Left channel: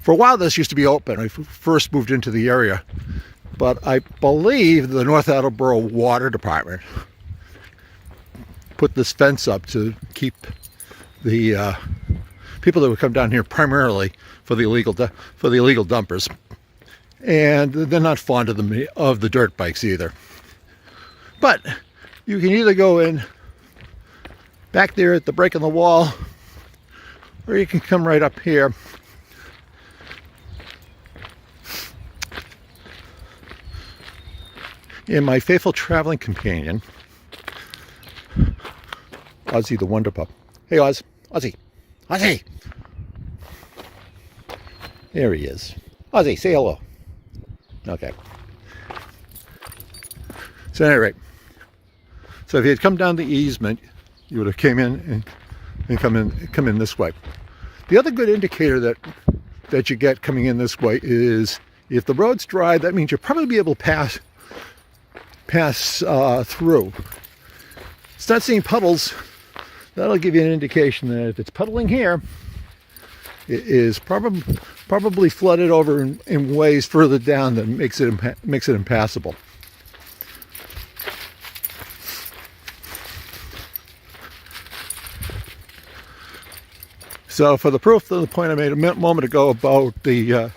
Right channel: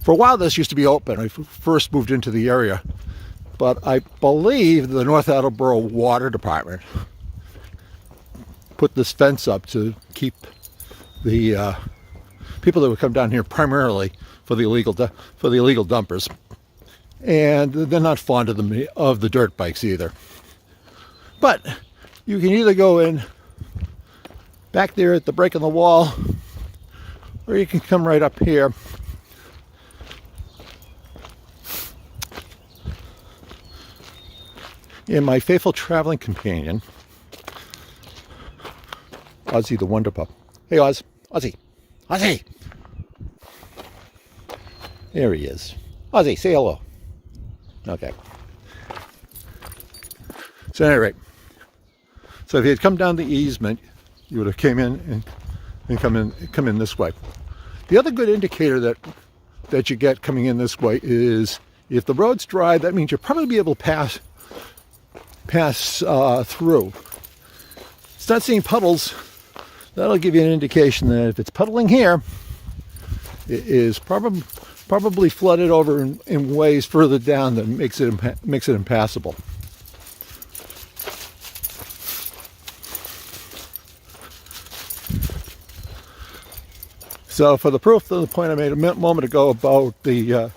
For a while, this used to be open. I first moved into the area, but I believe the North Attleboro Water Department put this fence up to keep the people that would come down here primarily for the illegal dumpers, and they're not fond of the dirt bikes either. But you can either go in back there at the break in the wall, or you can come right up here. And my faithful traveling companion, Ozzy the Wonder Pup. Hey Oz, Ozzy, Ozzy! There he is. Ozzy, say hello. Okay. So at any rate, so if you had come down the easement, you would have came in and come in this way. The other good indicator that you get coming in this way is if the road's dry, that means you'll probably be able to pass through. Start seeing puddles. That'll give you an indication that if it's puddling here, it is probably flooded over in ways further down that makes it impassable. So for the proof of the point I made a moment ago about the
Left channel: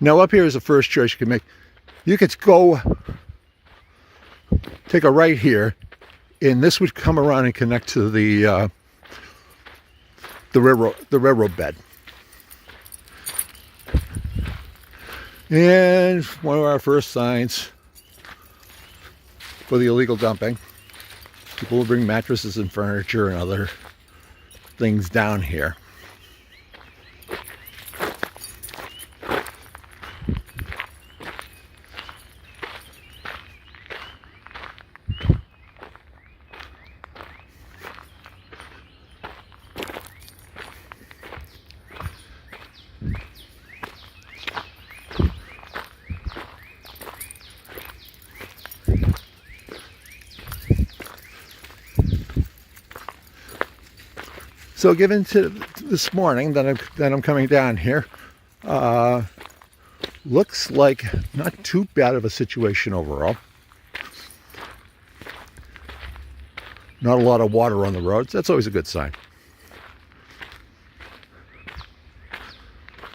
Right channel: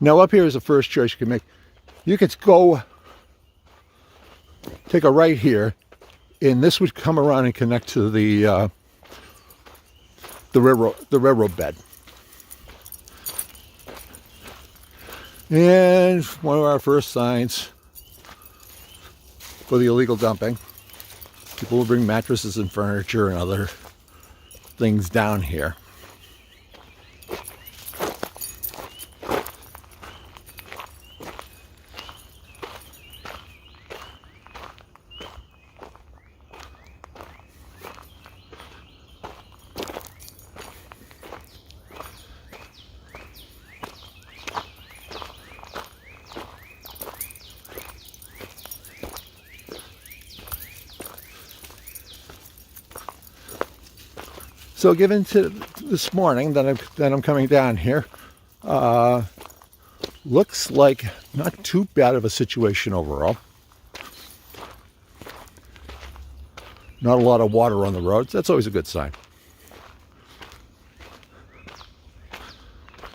now up here is the first choice you can make. You could go take a right here, and this would come around and connect to the railroad bed. And one of our first signs for the illegal dumping. People will bring mattresses and furniture and other things down here. So given to this morning that I'm coming down here, looks like not too bad of a situation overall. Not a lot of water on the roads. That's always a good sign.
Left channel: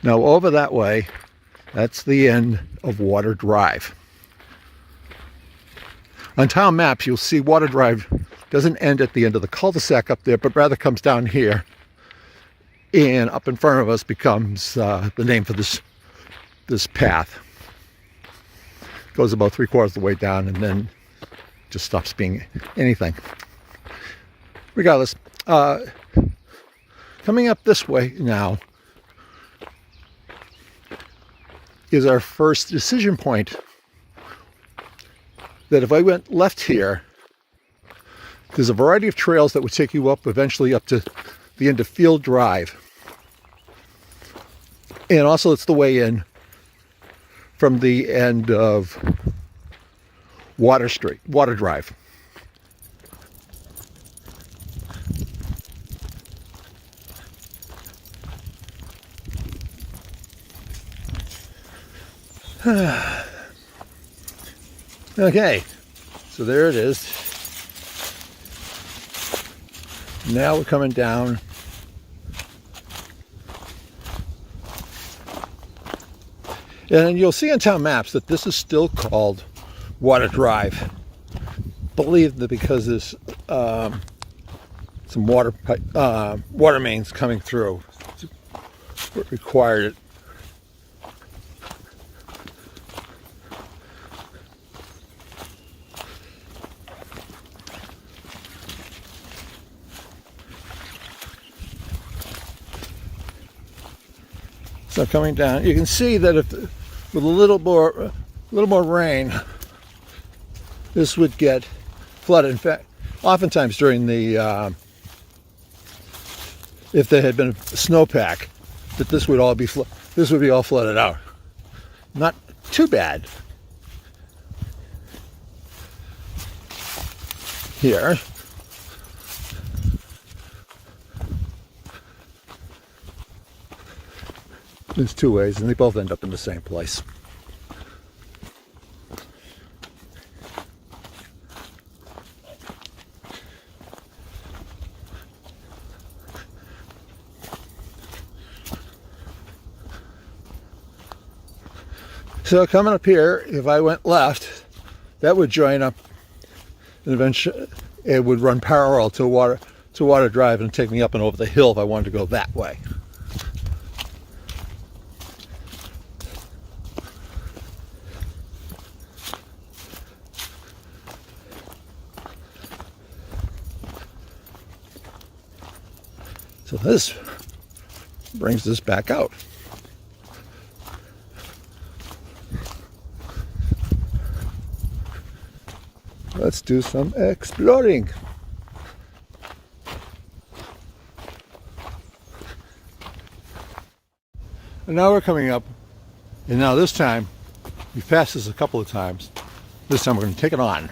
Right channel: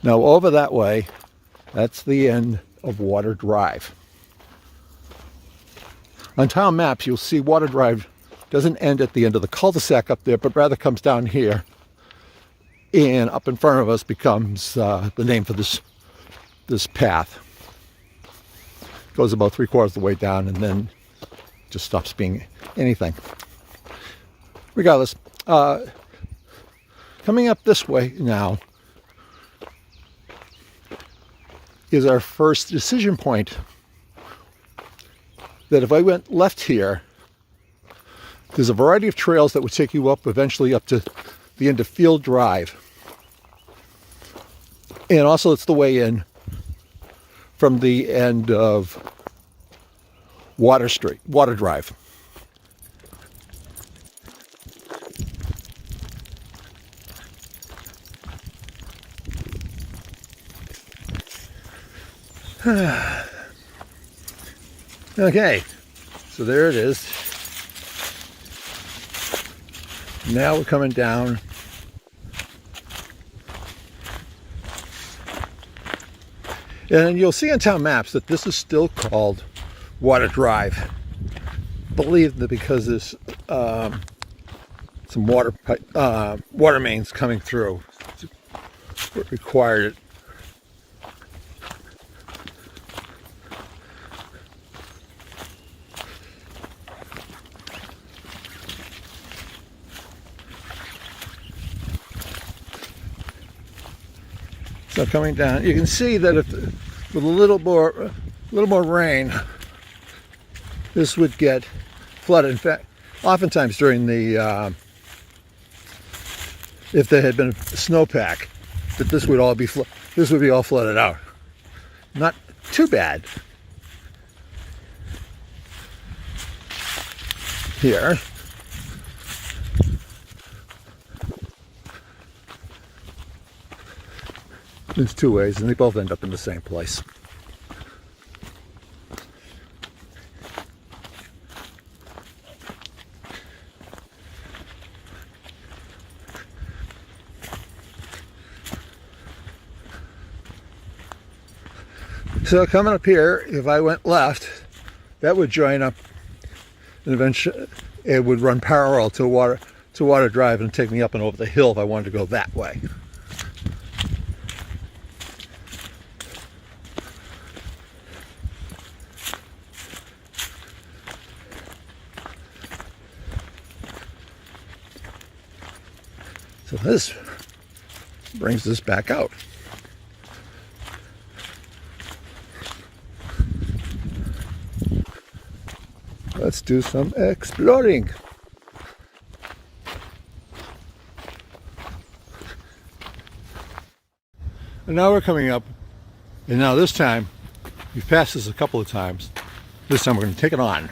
Now over that way, that's the end of Water Drive. On town maps, you'll see Water Drive doesn't end at the end of the cul-de-sac up there, but rather comes down here, and up in front of us becomes the name for this path. Goes about 3/4 of the way down, and then just stops being anything. Regardless, coming up this way now is our first decision point. That if I went left here, there's a variety of trails that would take you up eventually up to the end of Field Drive. And also it's the way in from the end of Water Drive. Okay, so there it is. Now we're coming down. And you'll see on town maps that this is still called Water Drive. I believe that because there's some water mains coming through, it required it. So coming down, you can see that if with a little more rain, this would get flooded. In fact, oftentimes during the if there had been a snowpack, that this would be all flooded out. Not too bad. Here, there's two ways, and they both end up in the same place. So coming up here, if I went left, that would join up, and eventually it would run parallel to Water Drive and take me up and over the hill if I wanted to go that way. So this brings us back out. Let's do some exploring. And now we're coming up, and now this time, we've passed this a couple of times. This time we're going to take it on.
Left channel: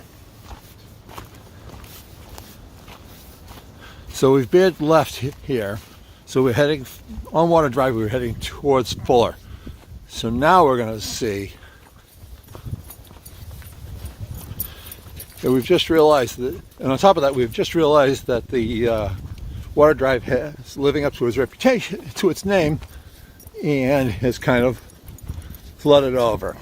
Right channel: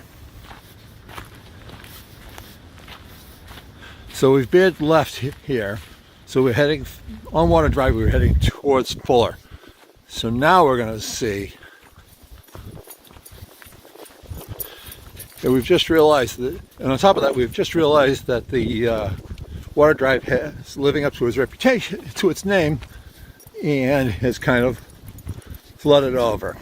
So we've veered left here. So we're heading, on Water Drive, we're heading towards Fuller. So now we're going to see that we've just realized that, and on top of that, we've just realized that the Water Drive is living up to its reputation, to its name, and has kind of flooded over.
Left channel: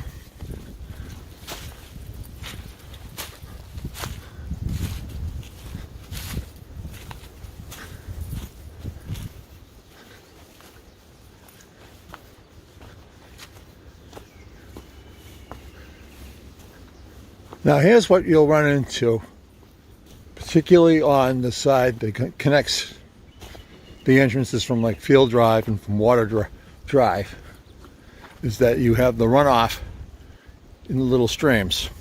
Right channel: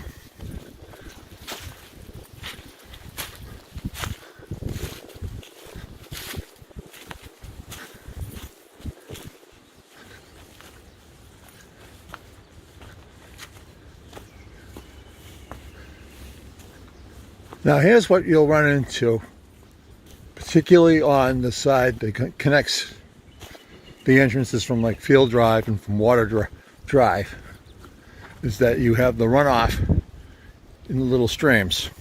Now here's what you'll run into, particularly on the side that connects the entrances from like Field Drive and from Water Drive, is that you have the runoff in the little streams.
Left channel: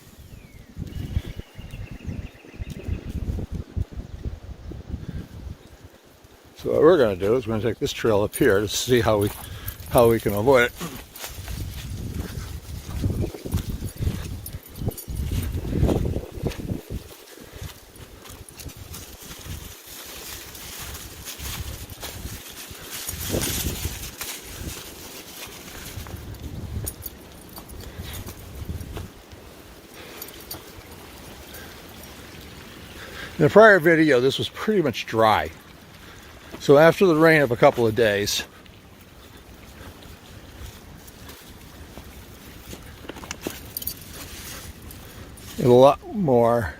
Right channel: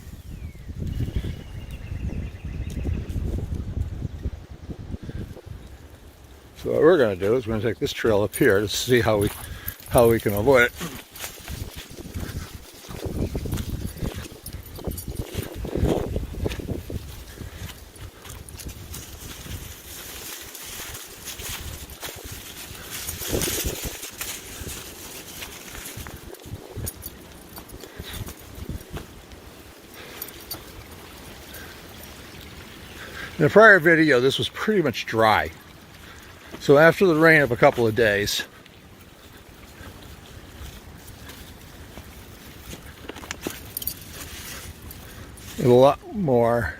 So what we're going to do is we're going to take this trail up here to see how we can avoid it. In the prior video, this was pretty much dry. So after the rain of a couple of days, a lot more.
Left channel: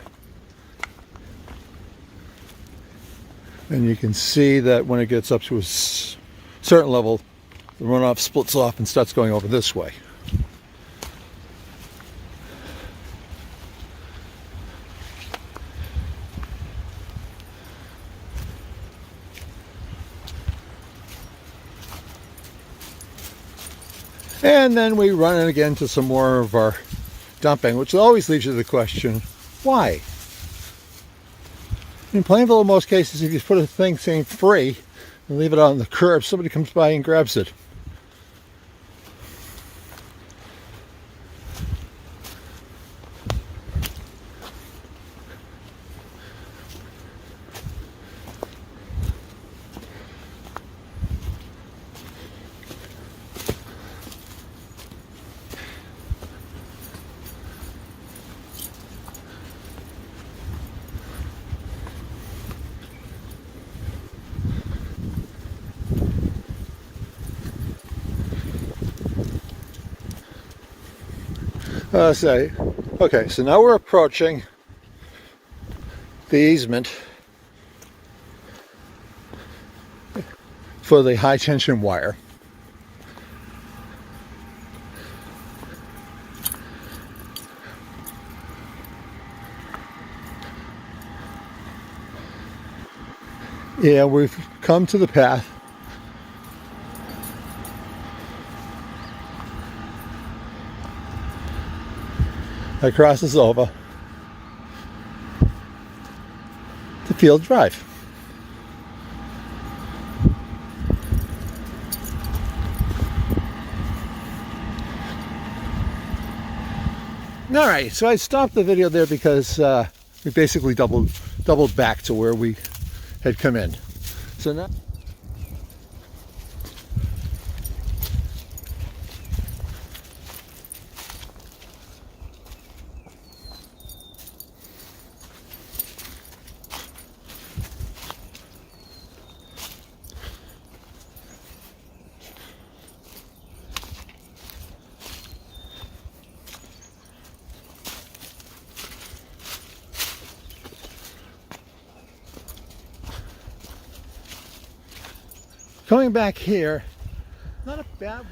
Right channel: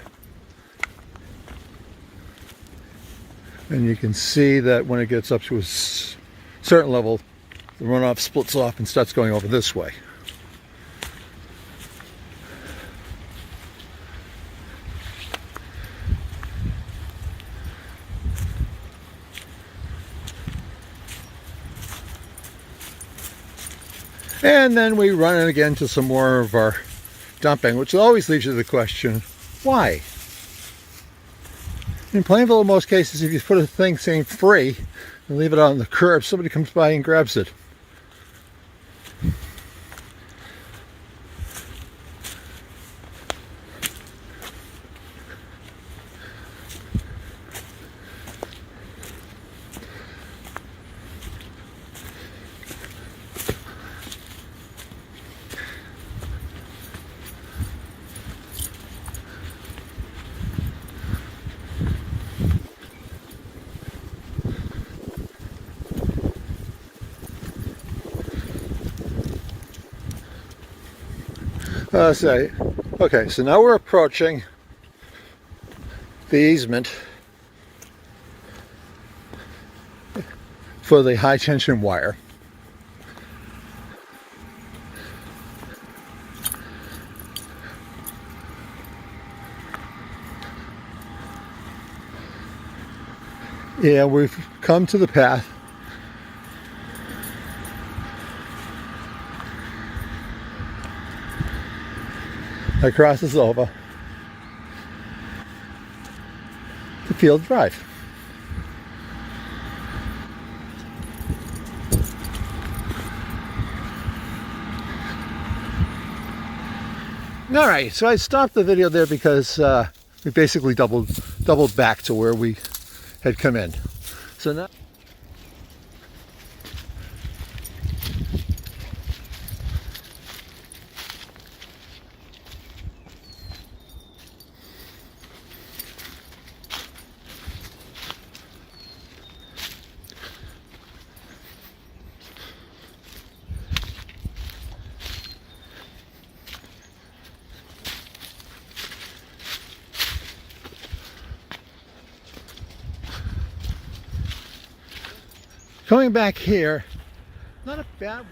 And you can see that when it gets up to a certain level, the runoff splits off and starts going over this way. And then we run it again to some more of our dumping, which always leads you to the question, why? In Plainville, in most cases, if you put a thing saying free and leave it on the curb, somebody comes by and grabs it. Okay, so now we're approaching the easement for the high tension wire. Yeah, we've come to the path. That crosses over to Field Drive. All right, so I stopped the video there because we basically doubled back to where we had come in. So now, coming back here, not a bad.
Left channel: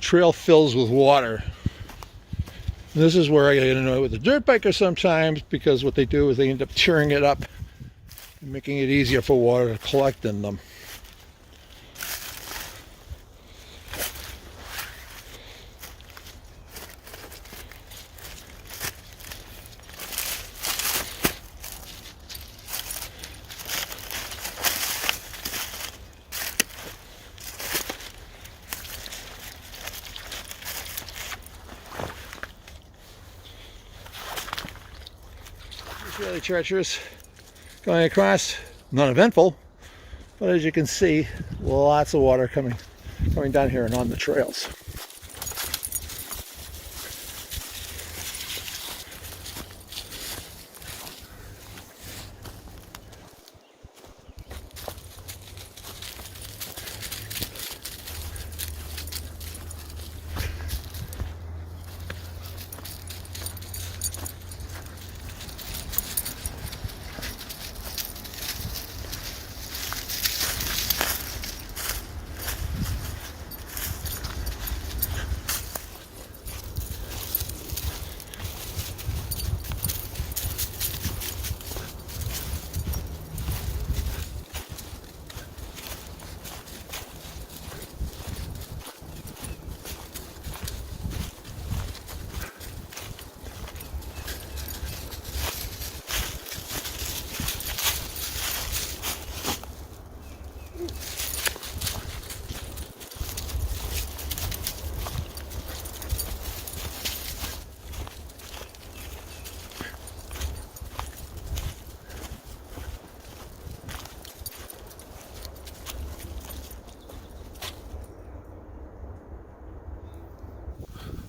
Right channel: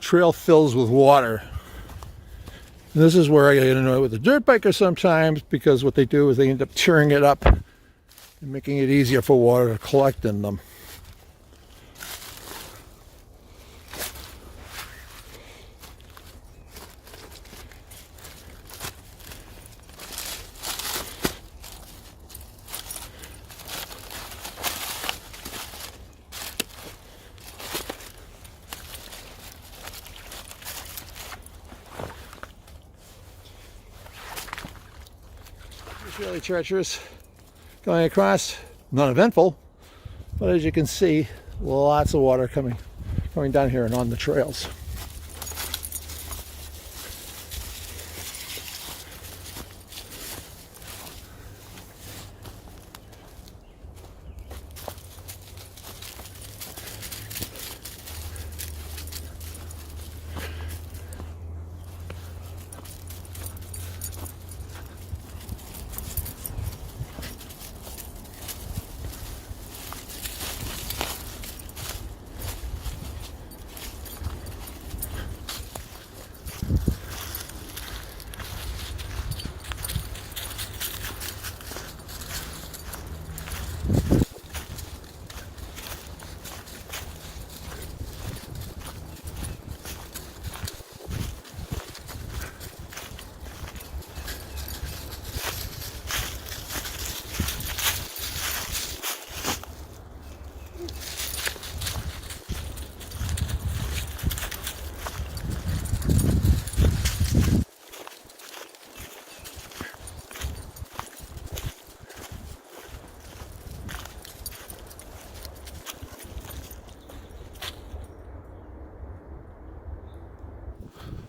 Trail fills with water. And this is where I get annoyed with the dirt biker sometimes, because what they do is they end up tearing it up and making it easier for water to collect in them. Fairly treacherous going across, not eventful, but as you can see, lots of water coming down here and on the trails.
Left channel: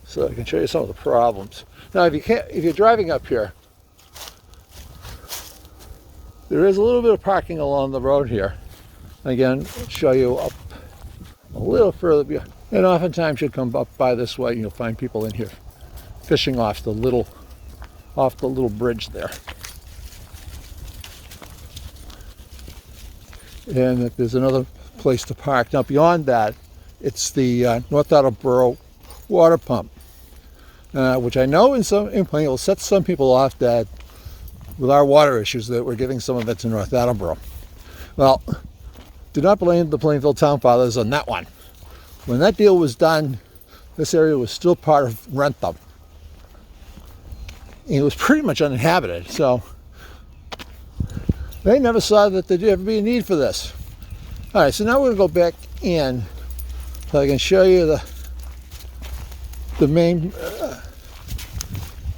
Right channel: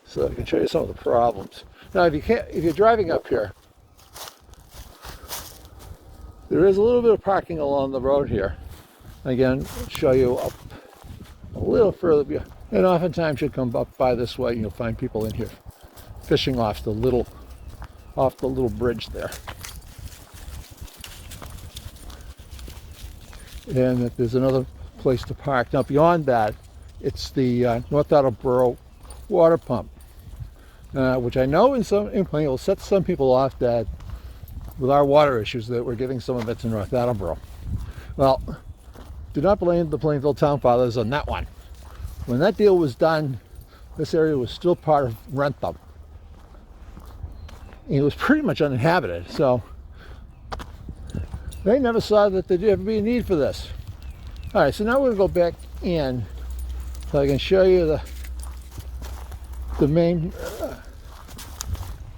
So I can show you some of the problems. Now, if you're driving up here, there is a little bit of parking along the road here. Again, I'll show you up a little further. And oftentimes you come up by this way and you'll find people in here fishing off the little bridge there. And there's another place to park. Now beyond that, it's the North Attleboro water pump, which I know in will set some people off that with our water issues that we're giving some of it to North Attleboro. Well, do not blame the Plainville Town Fathers on that one. When that deal was done, this area was still part of Rentham. And it was pretty much uninhabited, so they never saw that there'd ever be a need for this. All right, so now we're going to go back in so I can show you the main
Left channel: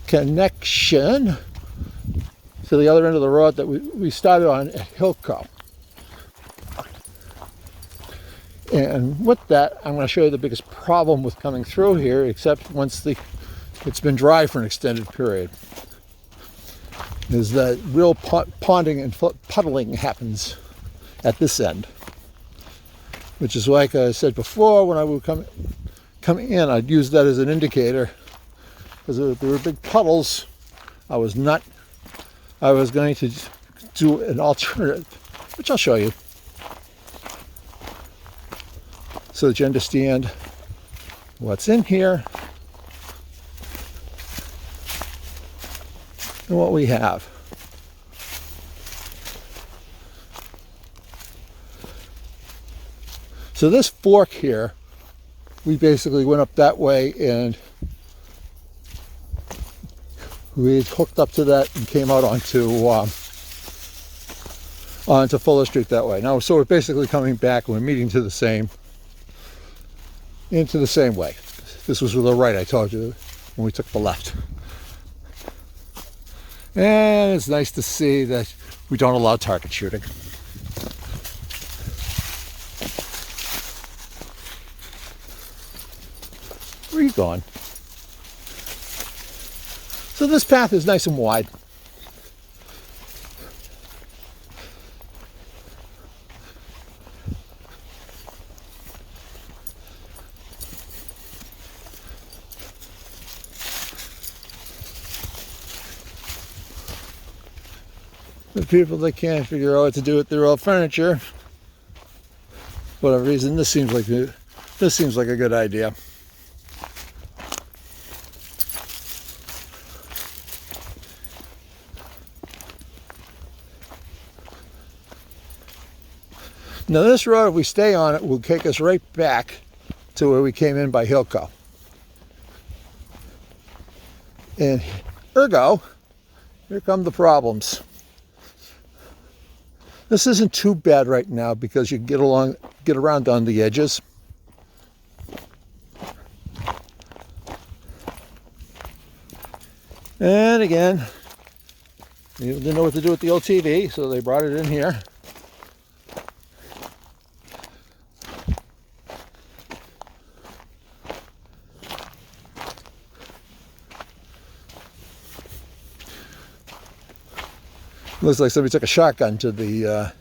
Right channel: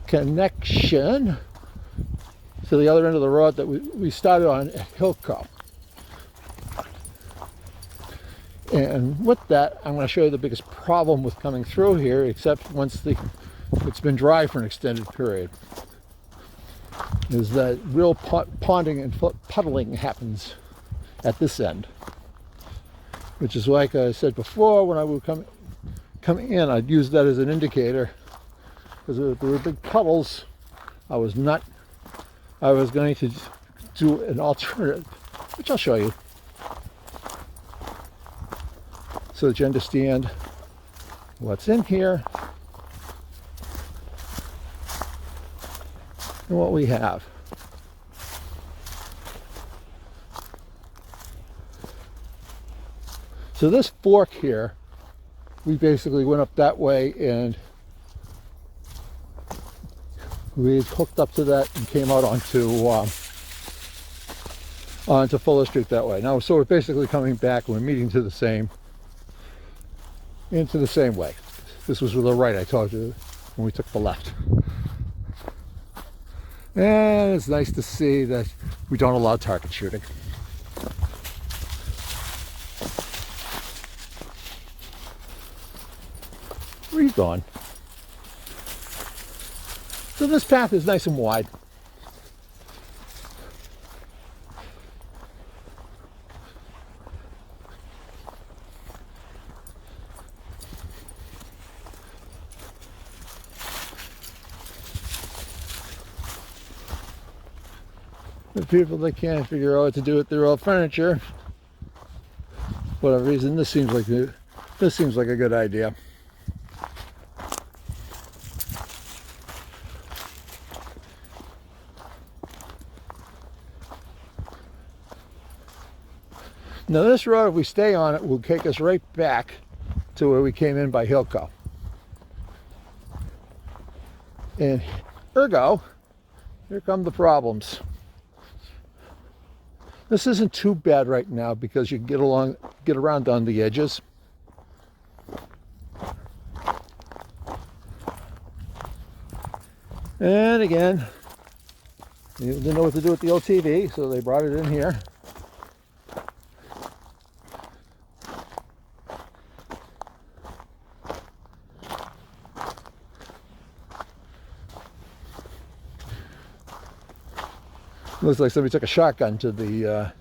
connection to the other end of the road that we started on at Hillco. And with that, I'm going to show you the biggest problem with coming through here, except once it's been dry for an extended period, is that real ponding and puddling happens at this end. Which is like I said before, when I would come in, I'd use that as an indicator, because if there were big puddles, I was going do an alternative, which I'll show you, so that you understand what's in here and what we have. So this fork here, we basically went up that way and we hooked up to that and came out onto Fuller Street that way. Now, so we're basically coming back and we're meeting into the same way. This was with the right, I told you, when we took the left. And it's nice to see that we don't allow target shooting. Where are you going? So this path is nice and wide. The people that can't figure out what to do with their old furniture, for whatever reason, this seems like a good idea. Now this road, if we stay on it, will take us right back to where we came in by Hilco. And ergo, here come the problems. This isn't too bad right now because you can get around on the edges. And again, they didn't know what to do with the old TV, so they brought it in here. Looks like somebody took a shotgun to the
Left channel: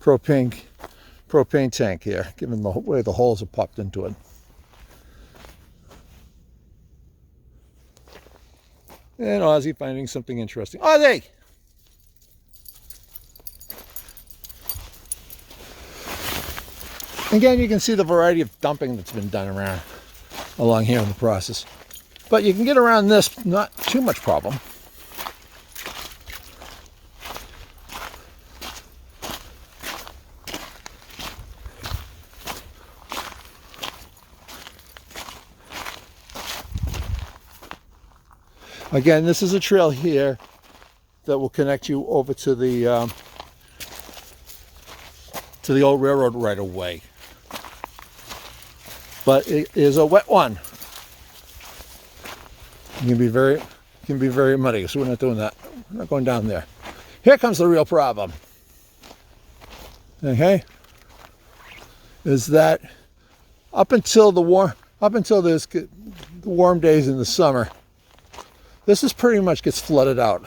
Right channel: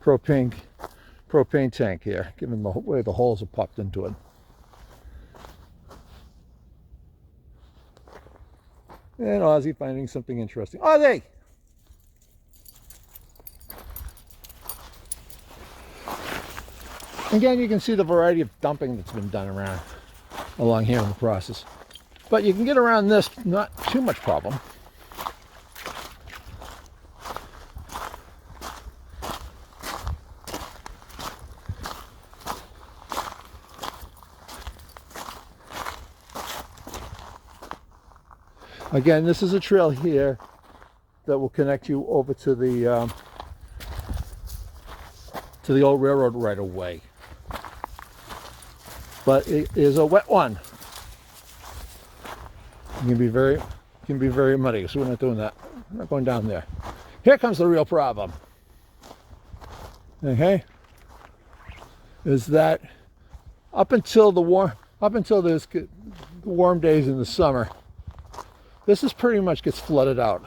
propane tank here, given the way the holes are popped into it. And Ozzy finding something interesting. Ozzy! Again, you can see the variety of dumping that's been done around along here in the process. But you can get around this, not too much problem. Again, this is a trail here that will connect you over to the old railroad right away. But it is a wet one. It can be very muddy, so we're not doing that. We're not going down there. Here comes the real problem. Okay? Is that up until the warm days in the summer, this is pretty much gets flooded out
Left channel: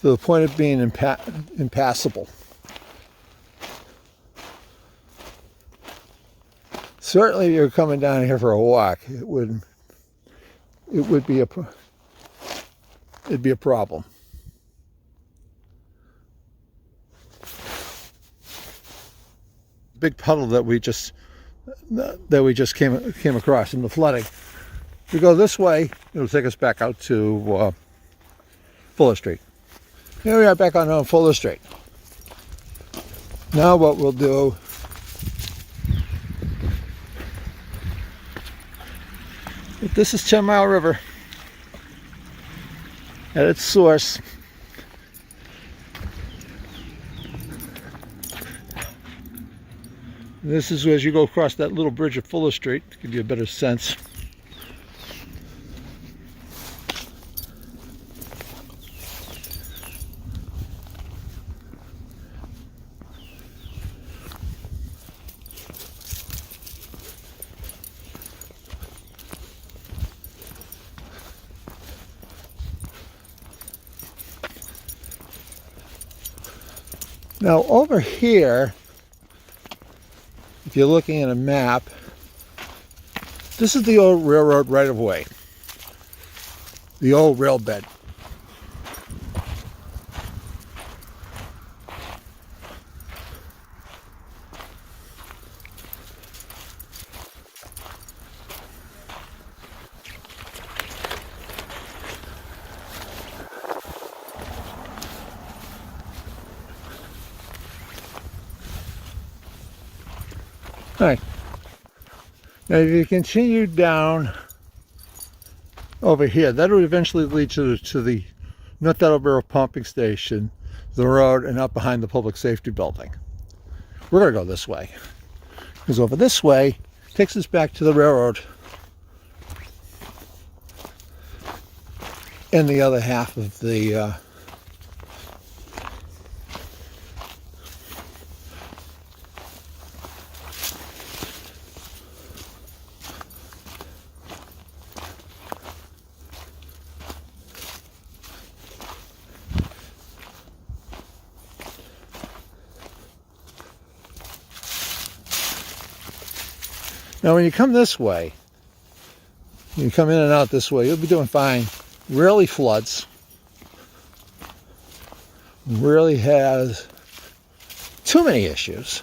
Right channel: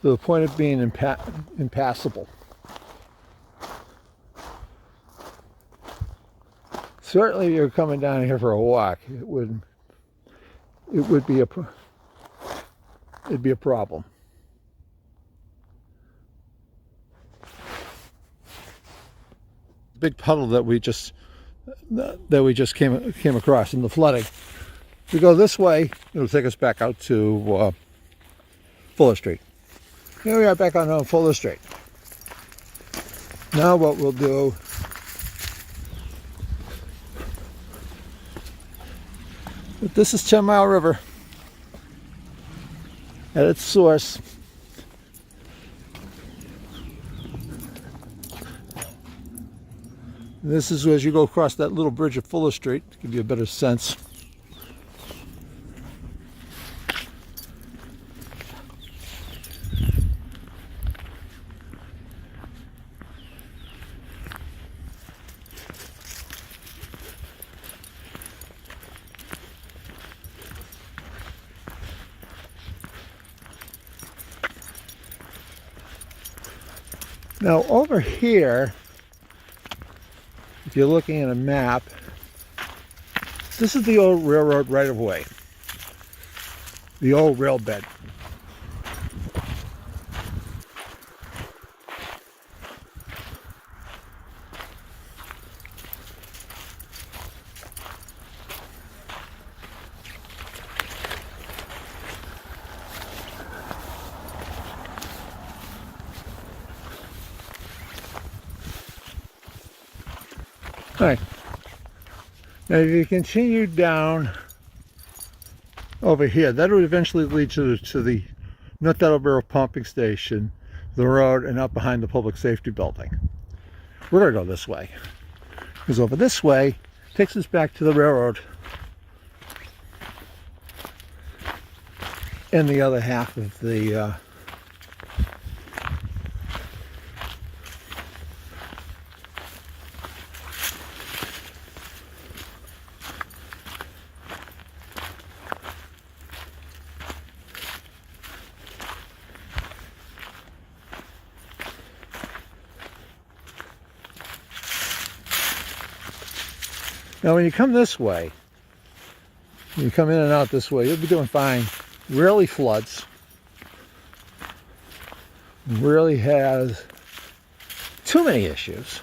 to the point of being impassable. Certainly, if you're coming down here for a walk, it'd be a problem. Big puddle that we just came across in the flooding. If we go this way, it'll take us back out to Fuller Street. Here we are back on Fuller Street. Now what we'll do, this is 10 Mile River at its source. This is as you go across that little bridge at Fuller Street to give you a better sense. Now over here, if you're looking at a map, this is the old railroad right-of-way, the old rail bed. All right. Now, if you continue down over here, that would eventually lead to the North Attleboro pumping station, the road, and up behind the public safety building. We're going to go this way, because over this way takes us back to the railroad and the other half of the Now, when you come this way, you come in and out this way, you'll be doing fine. Rarely floods. Rarely has too many issues.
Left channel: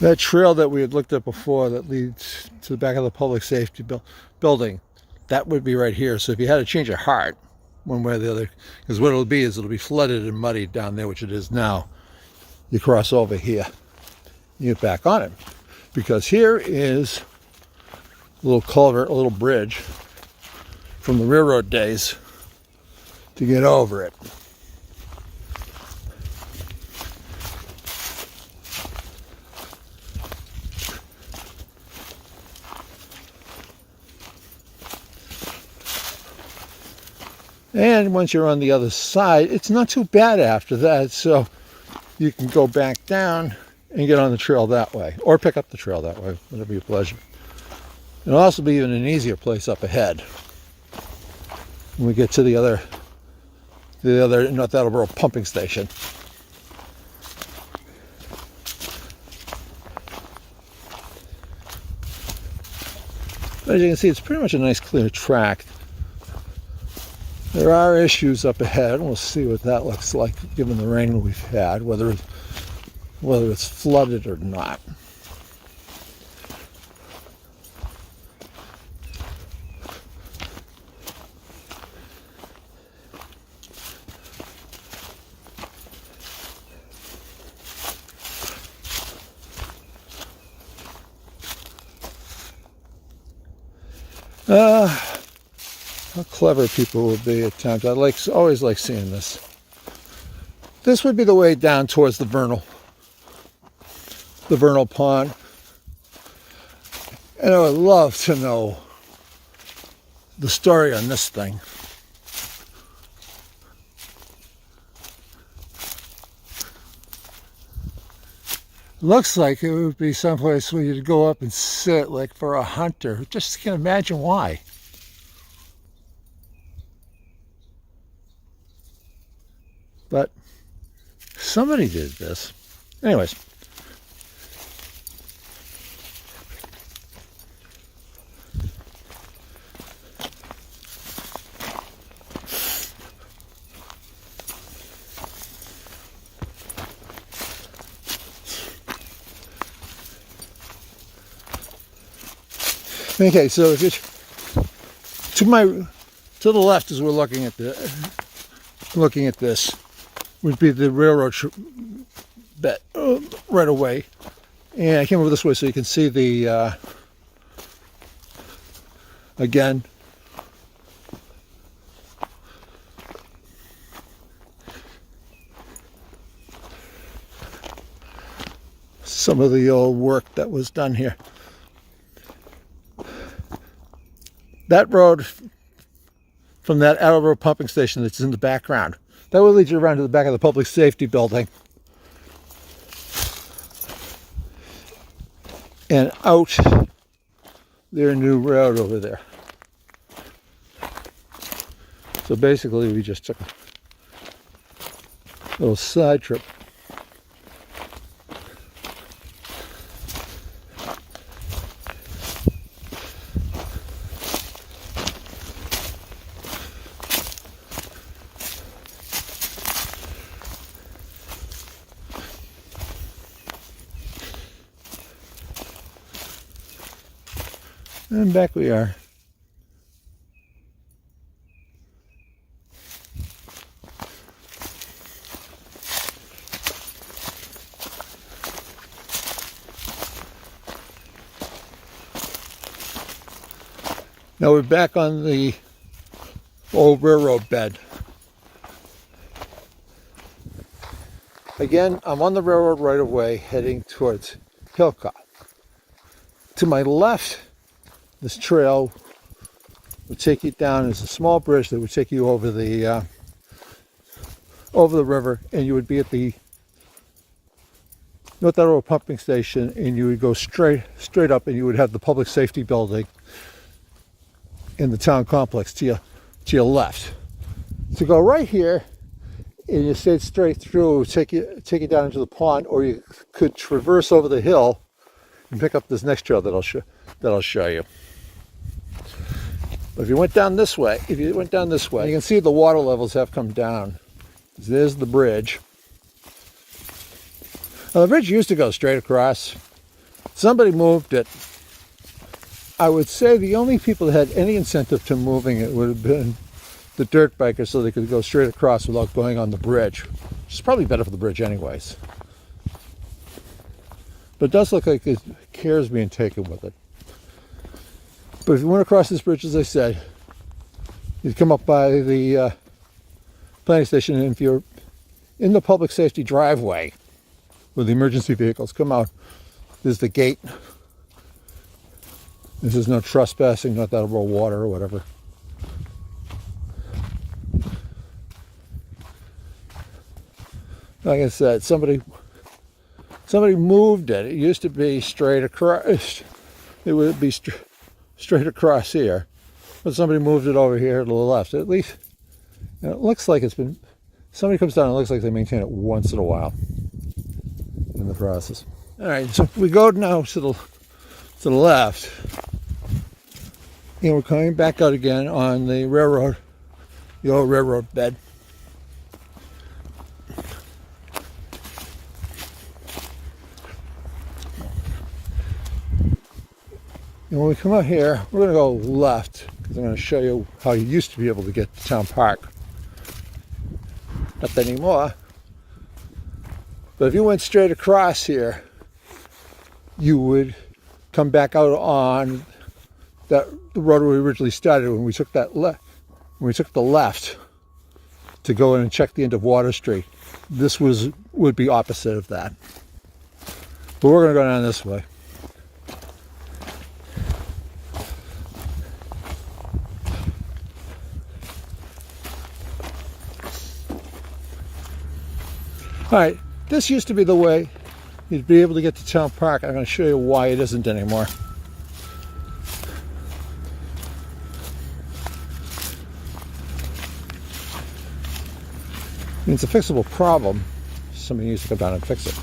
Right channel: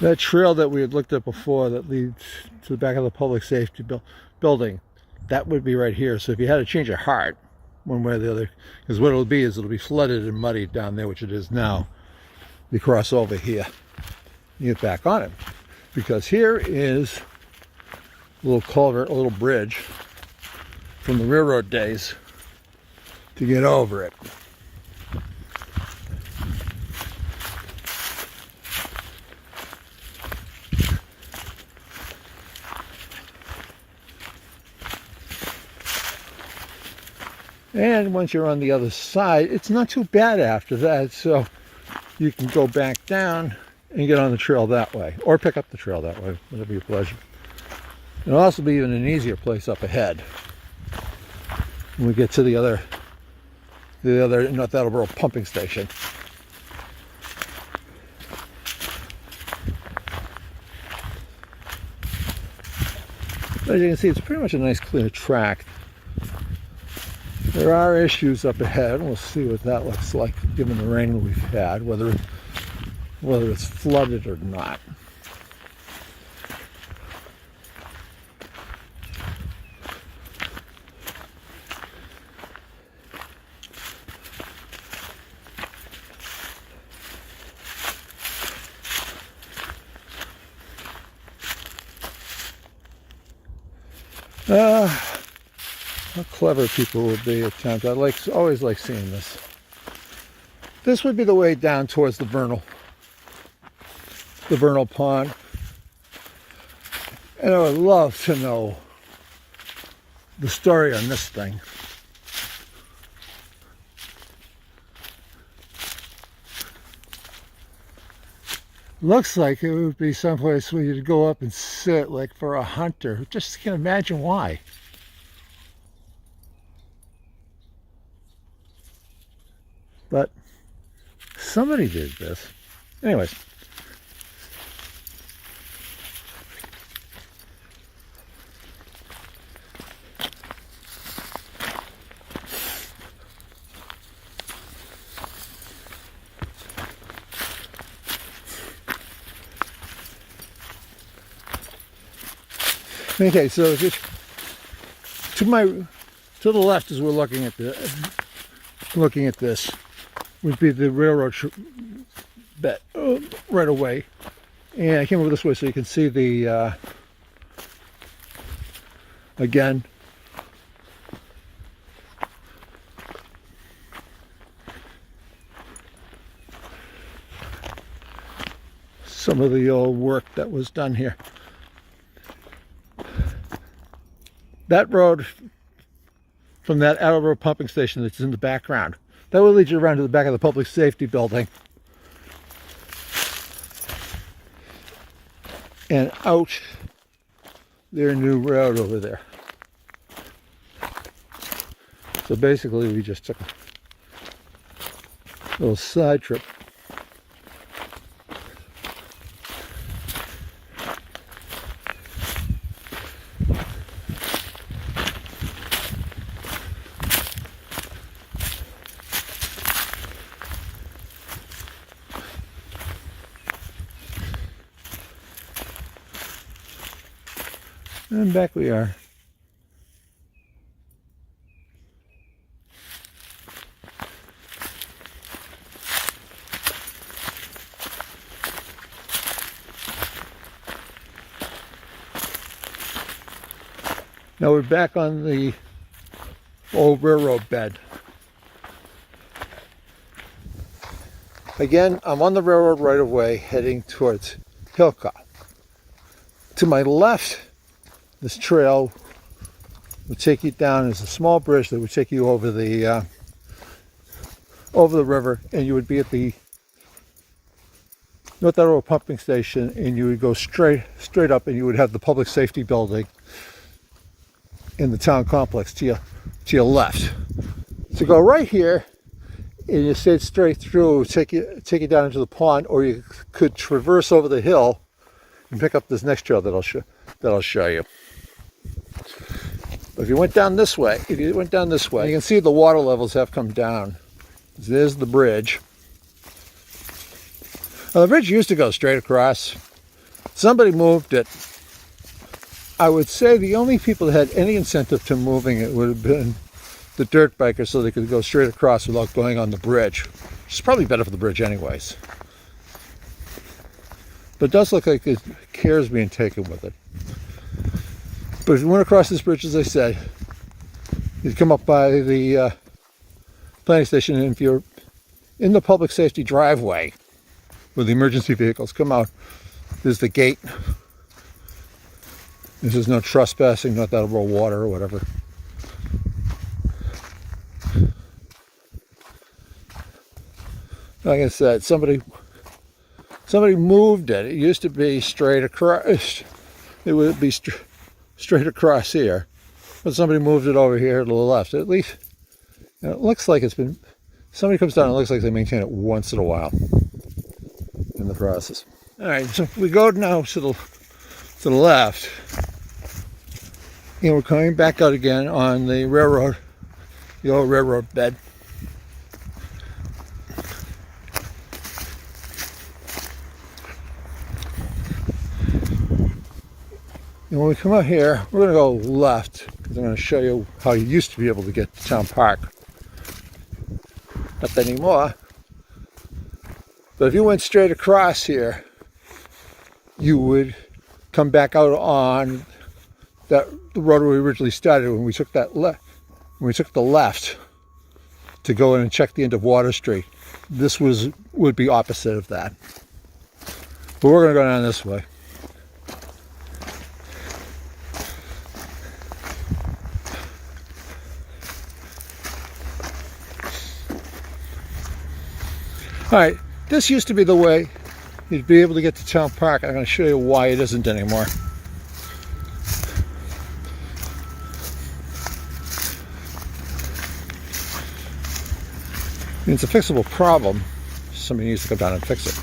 That trail that we had looked at before that leads to the back of the public safety building, that would be right here. So if you had a change of heart, one way or the other, because what it'll be is it'll be flooded and muddied down there, which it is now. You cross over here, you get back on it. Because here is a little culvert, a little bridge from the railroad days to get over it. And once you're on the other side, it's not too bad after that, so you can go back down and get on the trail that way, or pick up the trail that way, whatever your pleasure. It'll also be even an easier place up ahead when we get to the other North Attleboro pumping station. As you can see, it's pretty much a nice clear track. There are issues up ahead. We'll see what that looks like given the rain we've had, whether it's flooded or not. How clever people would be at times. I always like seeing this. This would be the way down towards the vernal pond. And I would love to know the story on this thing. Looks like it would be someplace where you'd go up and sit, like for a hunter. Just can't imagine why. But somebody did this. Anyways. Okay, so just to the left as we're looking at this would be the railroad bed right away, and I came over this way so you can see the some of the old work that was done here. That road from that Arrow Road pumping station that's in the background, that will lead you around to the back of the public safety building and out their new road over there. So basically we just took a little side trip. And back we are. Now we're back on the old railroad bed. Again, I'm on the railroad right of way heading towards Hillcock. To my left, this trail would take you down. There's a small bridge that would take you over the river, and you would be at the North Arrow pumping station, and you would go straight up, and you would have the public safety building in the town complex to your left. To go right here, and you stayed straight through, take you down into the pond, or you could traverse over the hill and pick up this next trail that I'll show you. But if you went down this way, you can see the water levels have come down. There's the bridge. Now, the bridge used to go straight across. Somebody moved it. I would say the only people that had any incentive to moving it would have been the dirt bikers, so they could go straight across without going on the bridge. Which is probably better for the bridge anyways. But it does look like care is being taken with it. But if you went across this bridge, as I said, you'd come up by the planning station, and if you're in the public safety driveway where the emergency vehicles come out, there's the gate. This is no trespassing, not that over water or whatever. Like I said, somebody moved it. It used to be straight across. It would be straight across here, but somebody moved it over here to the left. At least it looks like it's been. Somebody comes down and it looks like they maintain it once in a while in the process. All right, so we go now to the left, and we're coming back out again on the railroad, the old railroad bed. And when we come out here, we're going to go left, because I'm going to show you how you used to be able to get to Town Park. Not anymore. But if you went straight across here, you would come back out on the road we originally started when we took the left to go in and check the end of Water Street. This would be opposite of that. But we're going to go down this way. All right, this used to be the way you'd be able to get to Town Park. I'm going to show you why it isn't anymore. It's a fixable problem. Somebody needs to come down and fix it.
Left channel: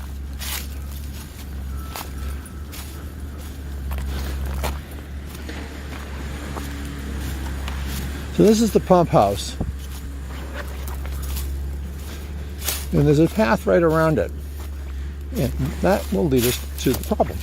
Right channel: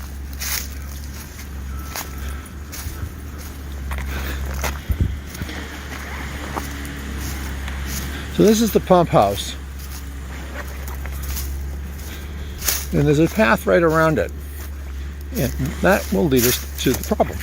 So this is the pump house. And there's a path right around it. And that will lead us to the problem.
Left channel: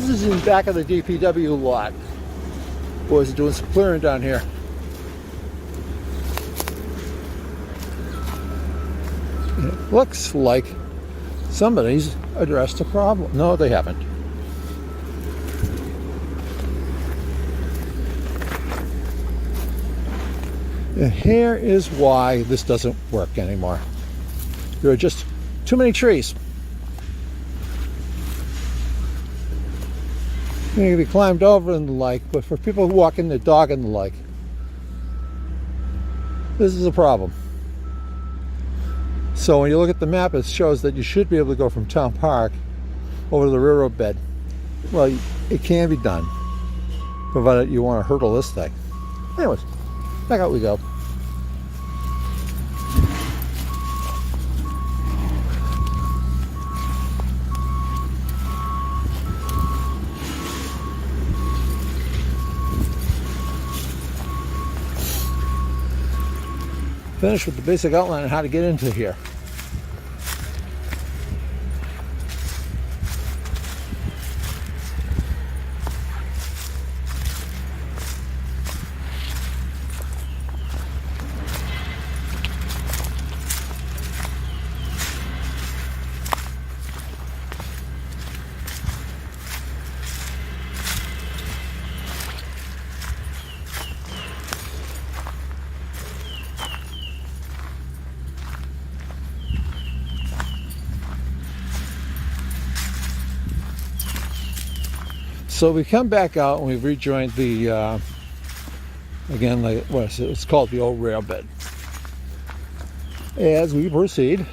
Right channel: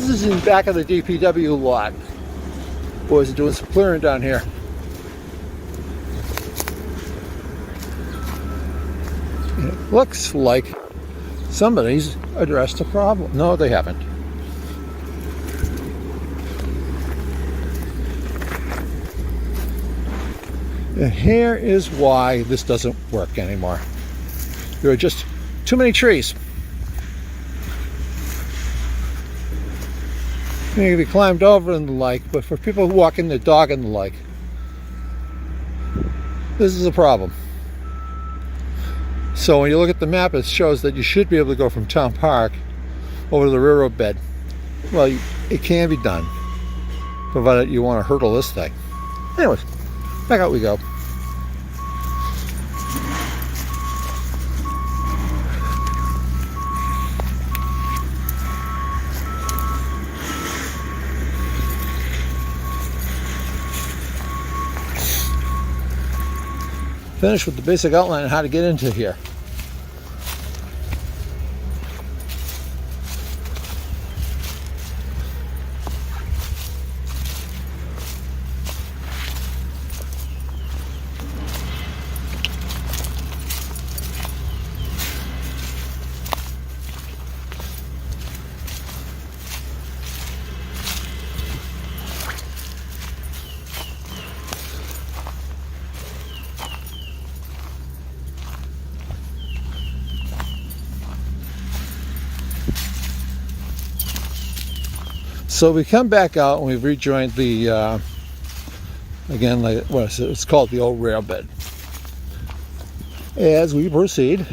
This is in back of the DPW lot. Boys are doing some clearing down here. It looks like somebody's addressed a problem. No, they haven't. And here is why this doesn't work anymore. There are just too many trees. They can be climbed over and the like, but for people who walk in their dog and the like, this is a problem. So when you look at the map, it shows that you should be able to go from Town Park over to the railroad bed. Well, it can be done, provided you want to hurdle this thing. Anyways, back out we go. Finish with the basic outline on how to get into here. So we come back out and we've rejoined the, again, like what is it? It's called the old rail bed. As we proceed,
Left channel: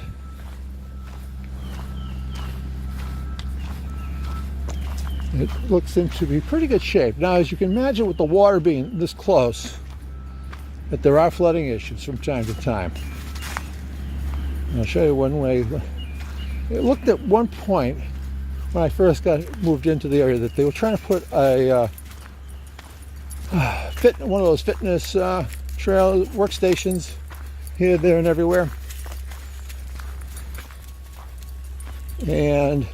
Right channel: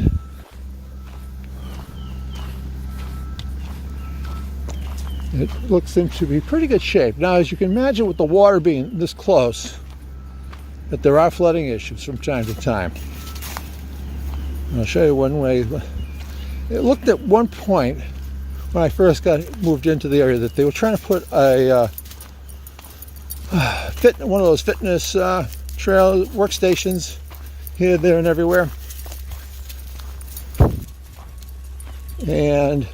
it looks into be pretty good shape. Now, as you can imagine, with the water being this close, that there are flooding issues from time to time. I'll show you one way. It looked at one point, when I first moved into the area, that they were trying to put a one of those fitness trail workstations here, there, and everywhere. And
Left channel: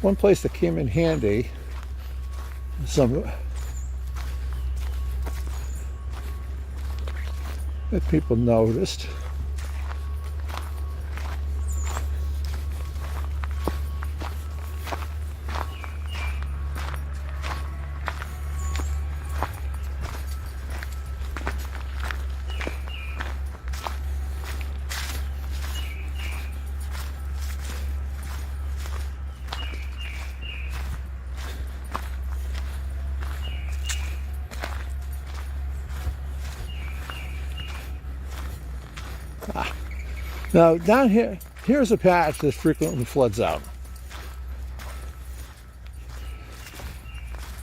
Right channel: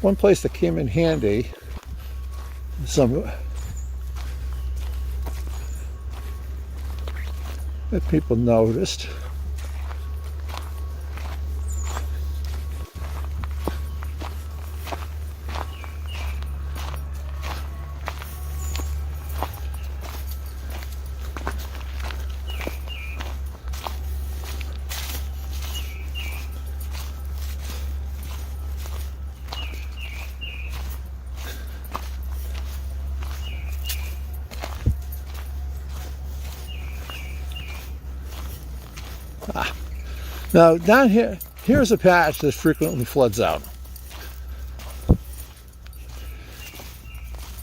one place that came in handy, that people noticed, now down here, here's a patch that frequently floods out.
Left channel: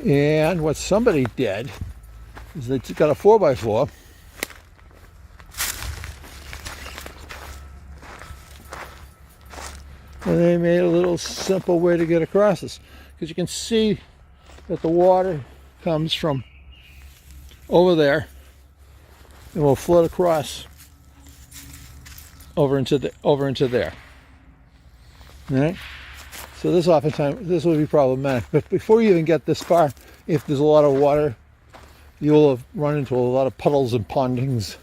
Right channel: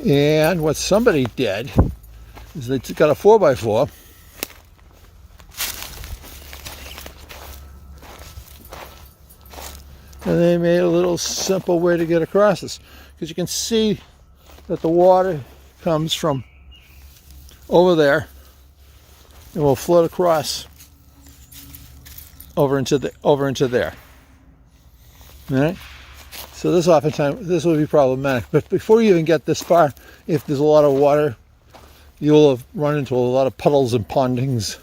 And what somebody did is they got a 4x4 and they made a little simple way to get across this. Because you can see that the water comes from over there and will flood across over into there. All right? So this oftentimes, this would be problematic. But before you even get this far, if there's a lot of water, you'll have run into a lot of puddles and pondings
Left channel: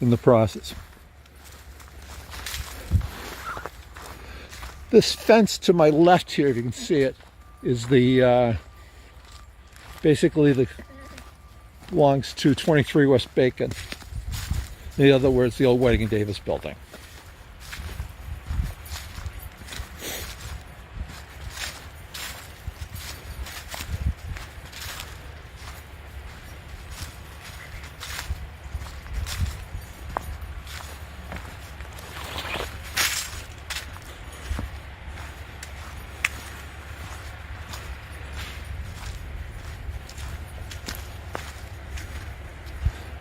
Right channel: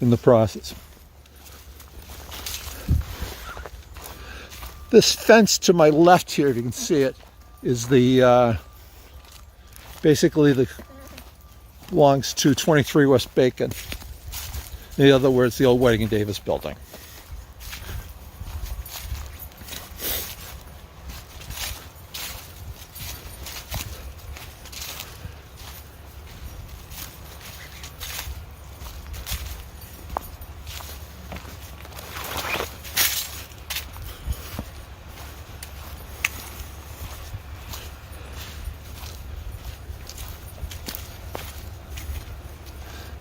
in the process. This fence to my left here, if you can see it, is the basically belongs to 23 West Bacon. In other words, the old Whiting and Davis building.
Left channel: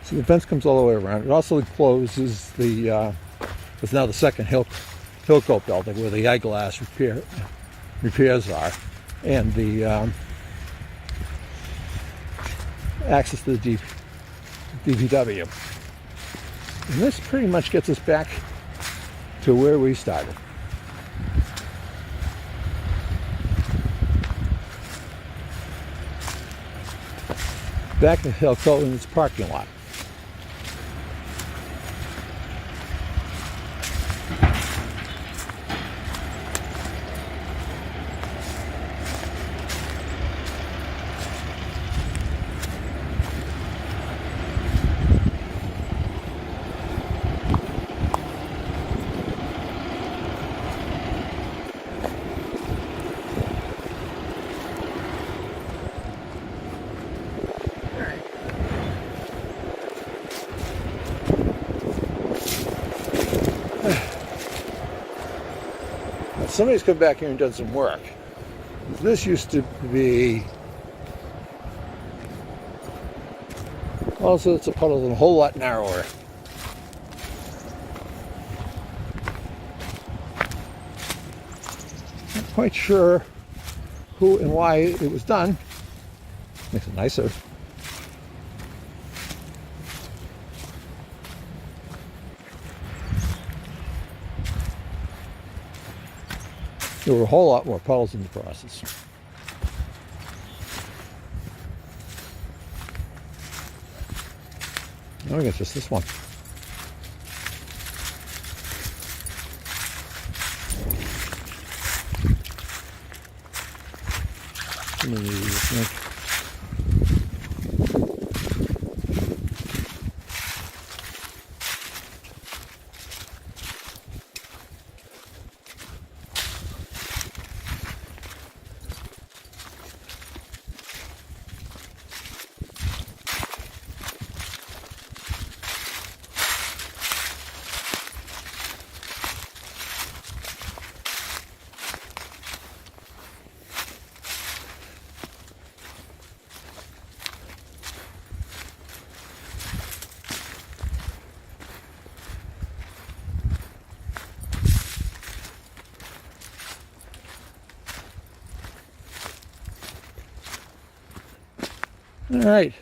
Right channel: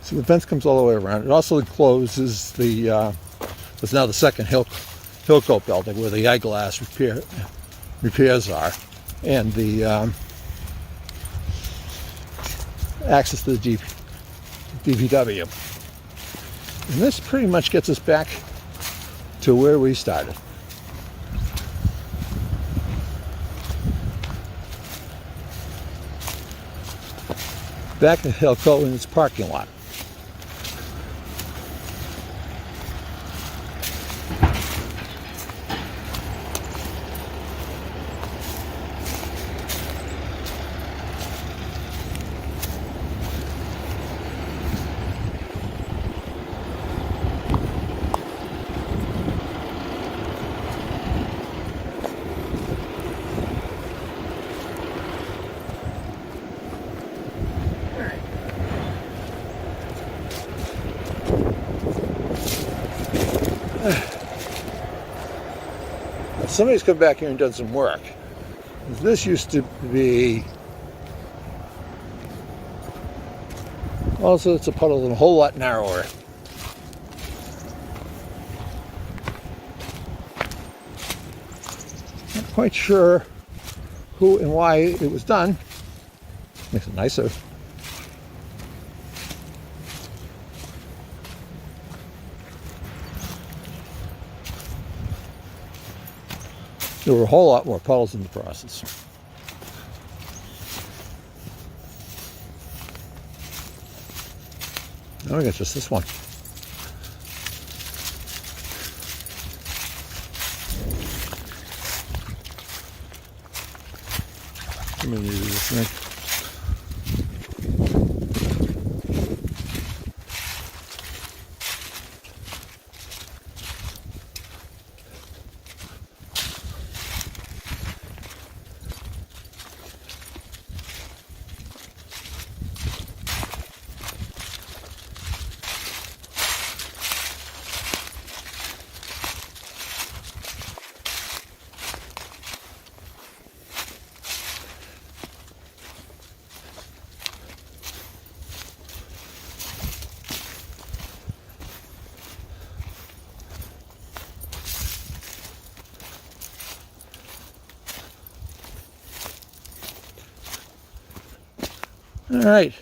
So the fence comes all the way around. It also encloses the what's now the second Hilco building, where the eyeglass repairs are, and the access to the DPW. And this pretty much gets us back to where we started. back to Hilco in its parking lot. Somebody's come back here and done some work. This used to be also, it's a puddle and a whole lot narrower. Not quite sure who and why it was done. Makes it nicer. There were a whole lot more puddles in the process. Now we got just this one. Let me use this thing. All right,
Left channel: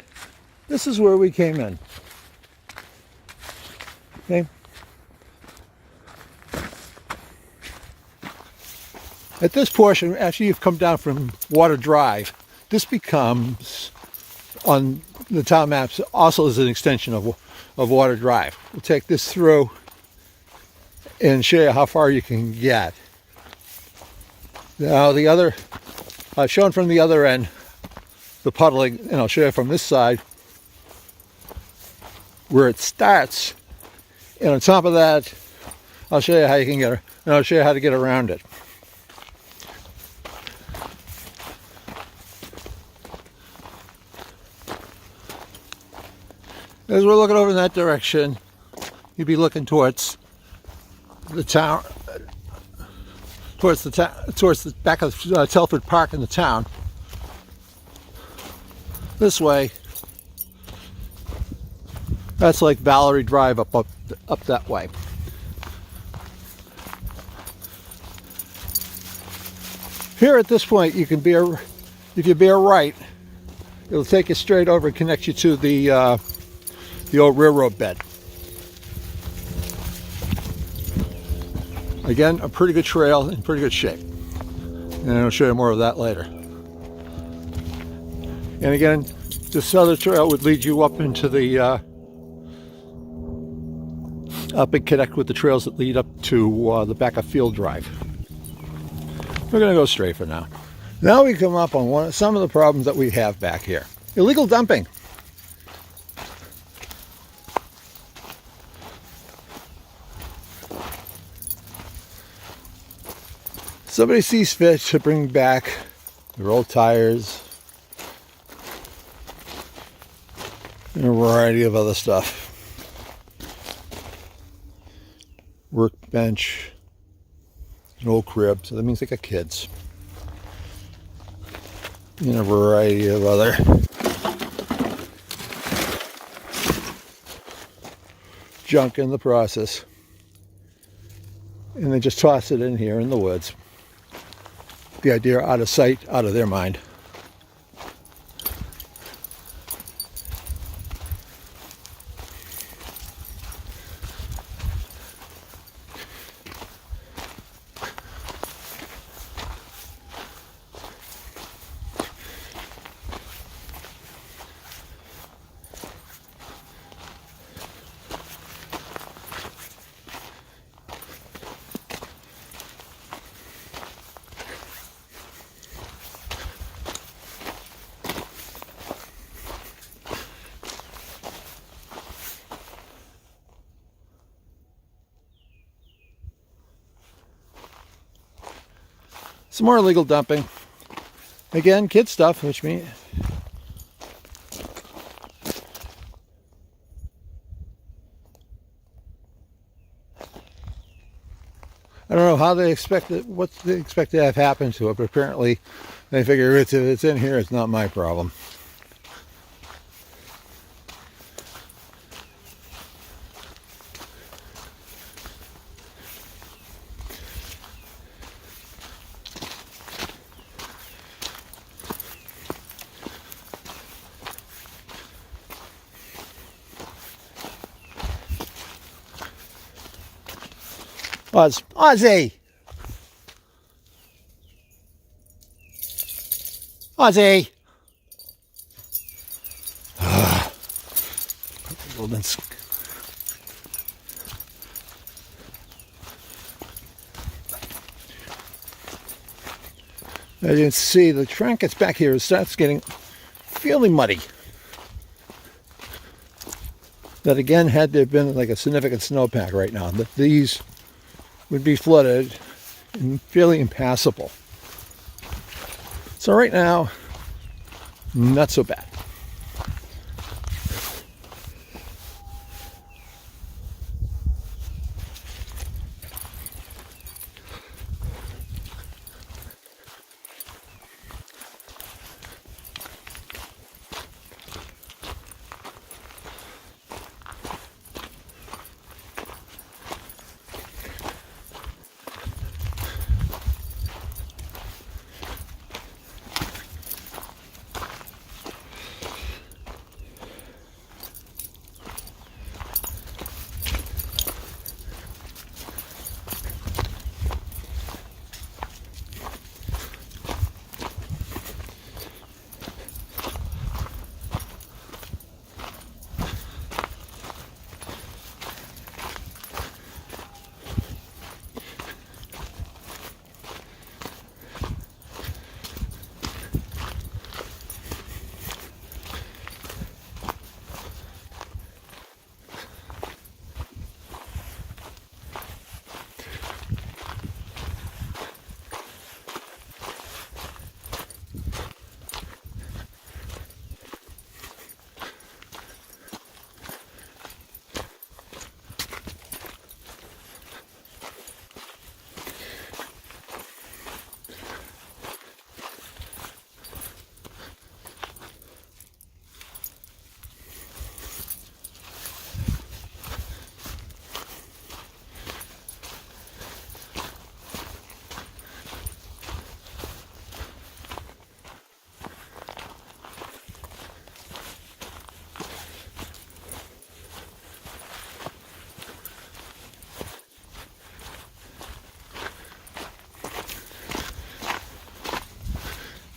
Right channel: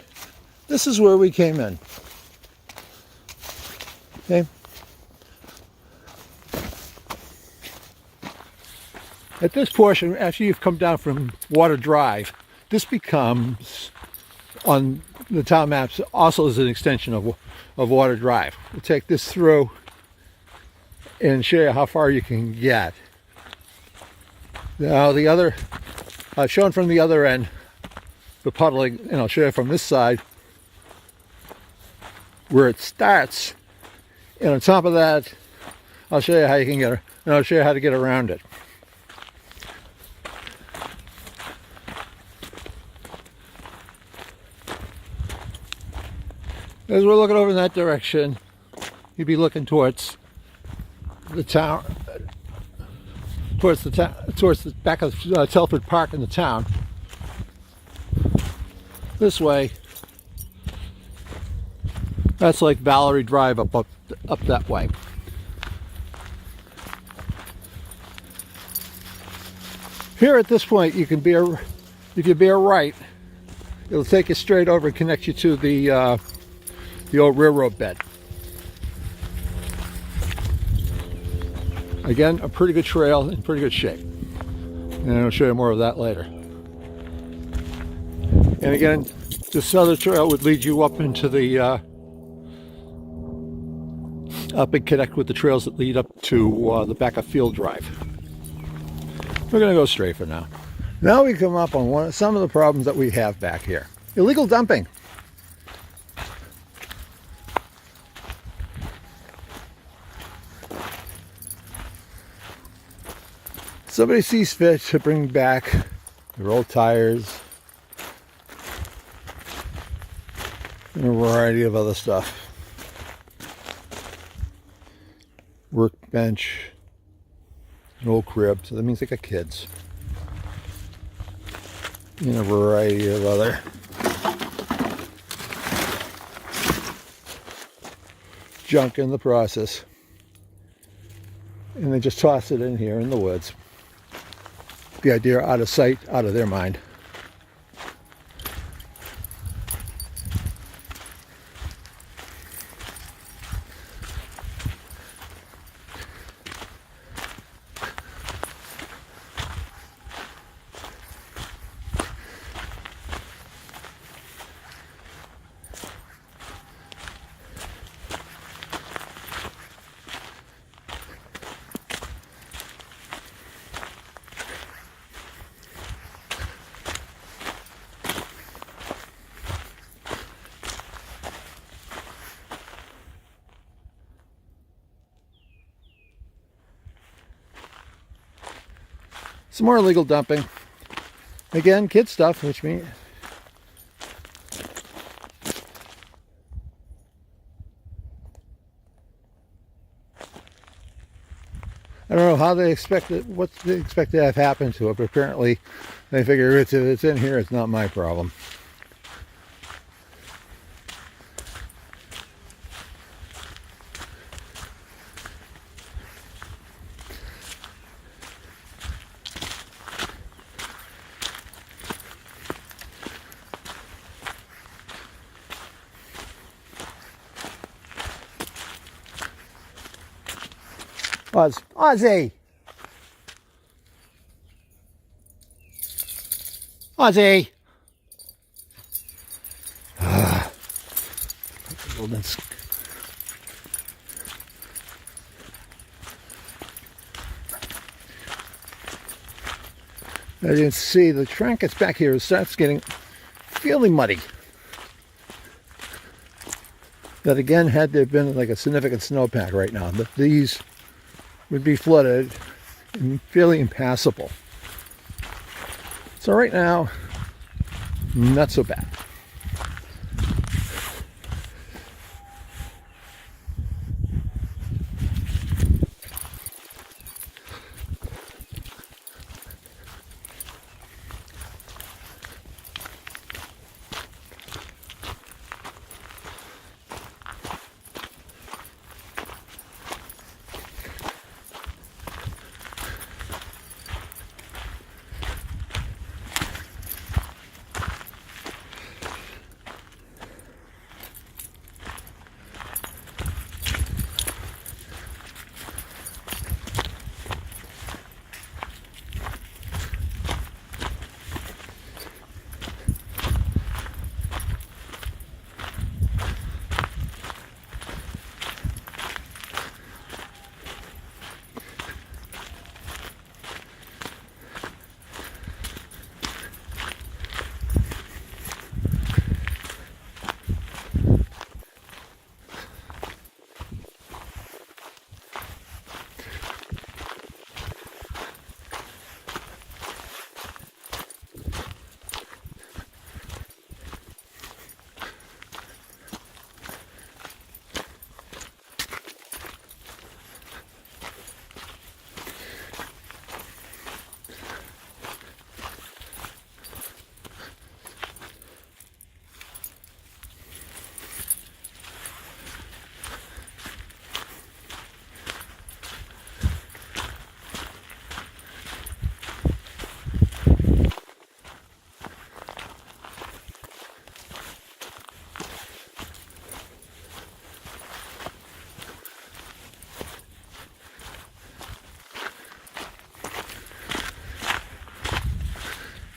this is where we came in. Okay. At this portion, after you've come down from Water Drive, this becomes, on the town maps, also as an extension of Water Drive. We'll take this through and show you how far you can get. Now the other, I've shown from the other end, the puddling, and I'll show you from this side where it starts, and on top of that I'll show you how you can get, and I'll show you how to get around it. As we're looking over in that direction, you'd be looking towards the town, towards the back of Telford Park in the town. This way, that's like Valerie Drive up that way. Here at this point, you can bear, if you bear right, it'll take you straight over and connect you to the old railroad bed. Again, a pretty good trail in pretty good shape, and I'll show you more of that later. And again, this other trail would lead you up into the, up and connect with the trails that lead up to the back of Field Drive. We're going to go straight for now. Now we come up on some of the problems that we have back here. Illegal dumping. Somebody sees fit to bring back their old tires, and a variety of other stuff. Workbench, an old crib, so that means they got kids. And a variety of other junk in the process. And they just toss it in here in the woods. The idea, out of sight, out of their mind. Some more illegal dumping. Again, kid stuff, which means I don't know how they expect it, what they expect to have happen to it, but apparently they figure if it's in here, it's not my problem. Ozzy! Ozzy! As you can see, the track gets back here, it starts getting fairly muddy. That again, had there been like a significant snowpack right now, these would be flooded and fairly impassable. So right now, not so bad.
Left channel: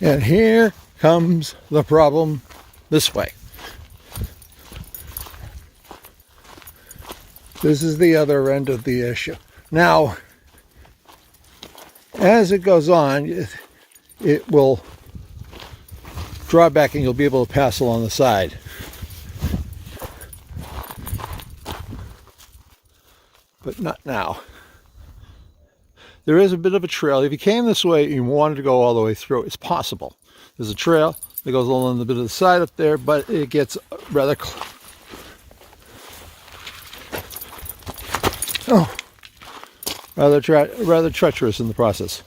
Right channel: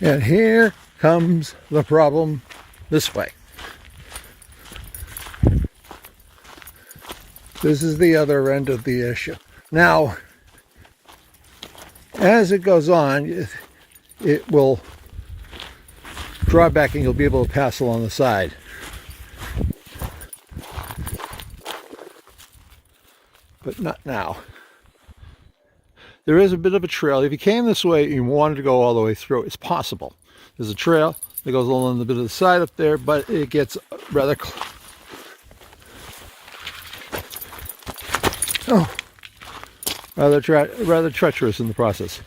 And here comes the problem this way. This is the other end of the issue. Now, as it goes on, it will draw back and you'll be able to pass along the side. But not now. There is a bit of a trail. If you came this way and you wanted to go all the way through, it's possible. There's a trail that goes along the bit of the side up there, but it gets rather rather treacherous in the process.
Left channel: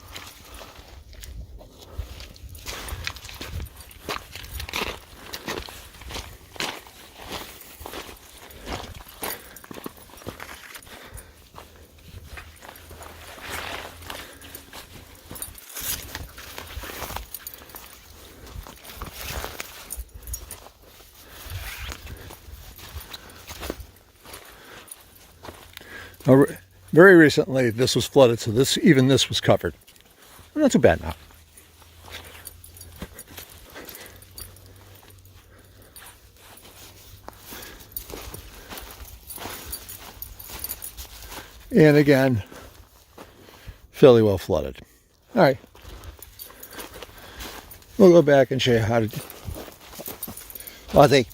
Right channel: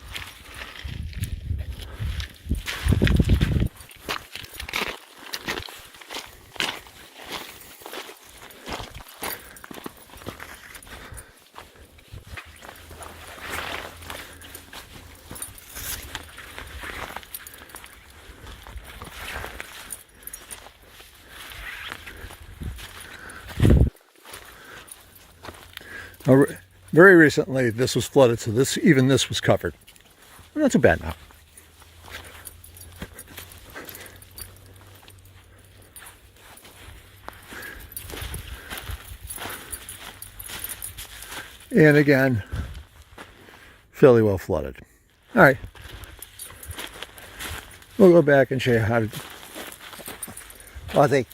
Now, very recently, this was flooded, so even this was covered. Not too bad now. And again, fairly well flooded. All right. We'll go back and show you how to... Ozzy.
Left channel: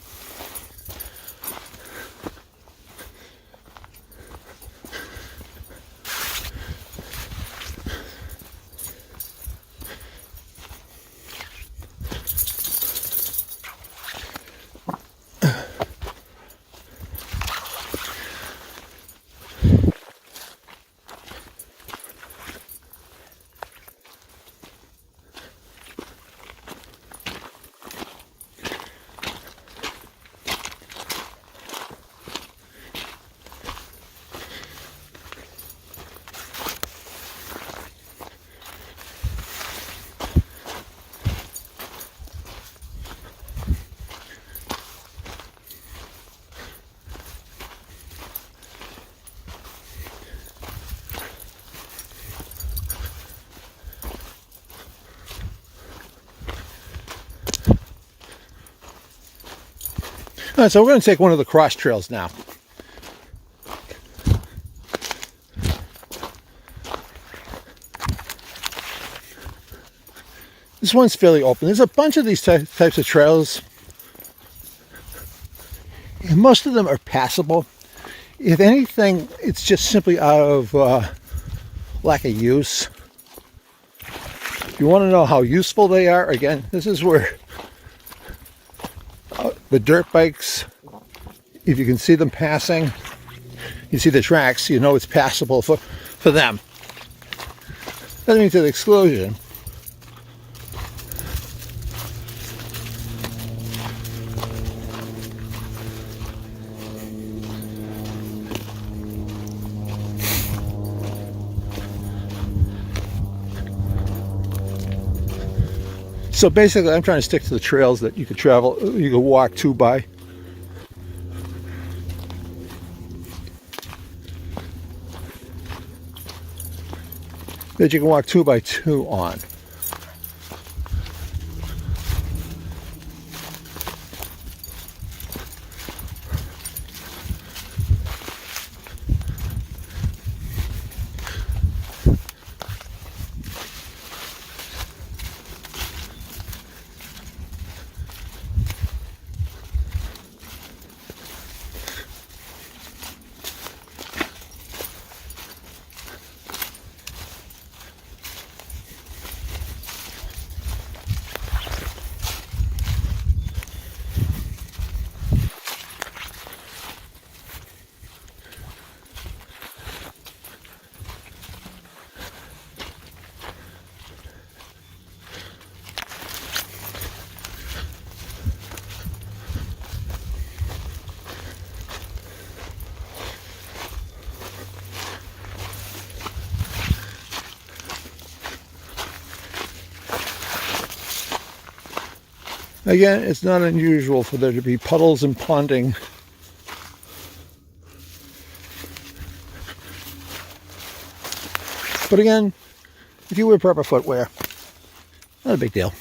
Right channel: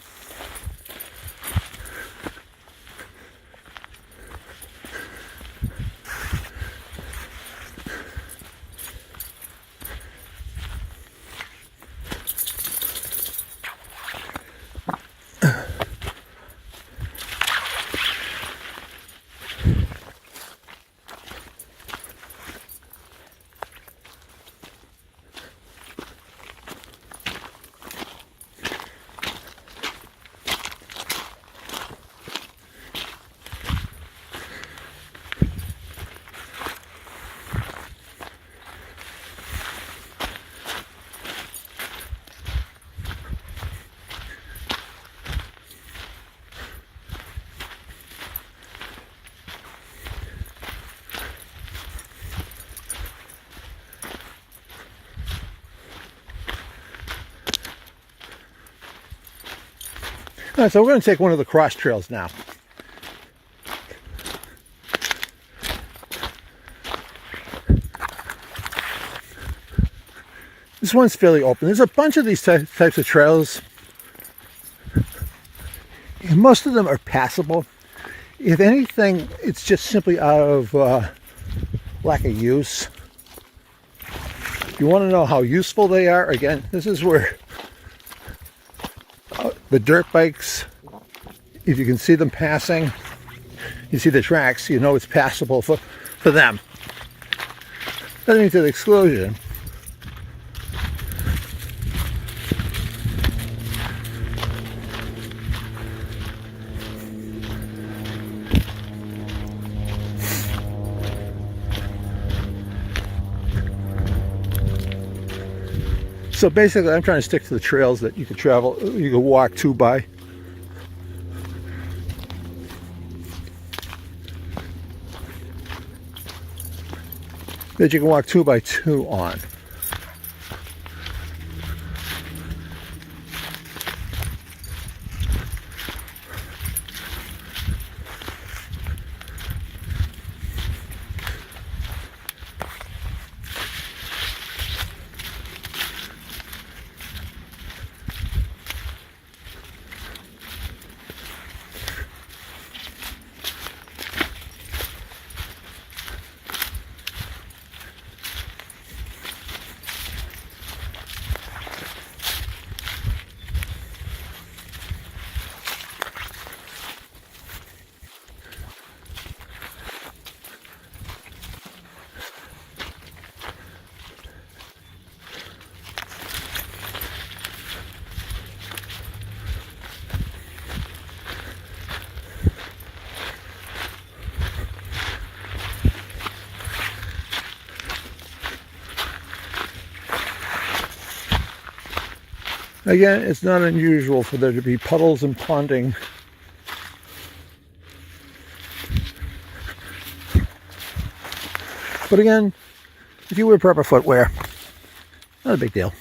All right, so we're going to take one of the cross trails now. This one's fairly open. There's a bunch of these types of trails, and most of them are passable. If anything, it's just simply out of lack of use. If you want to know how useful they are, again, this is where the dirt bikes, if you can see them passing, you see the tracks, you know it's passable for them. Doesn't mean to the exclusion. So basically, I'm trying to stick to the trails that you can travel, you can walk 2 by. That you can walk 2 by 2 on. Again, it's not unusual for there to be puddles and ponding. But again, if you wear proper footwear, not a big deal.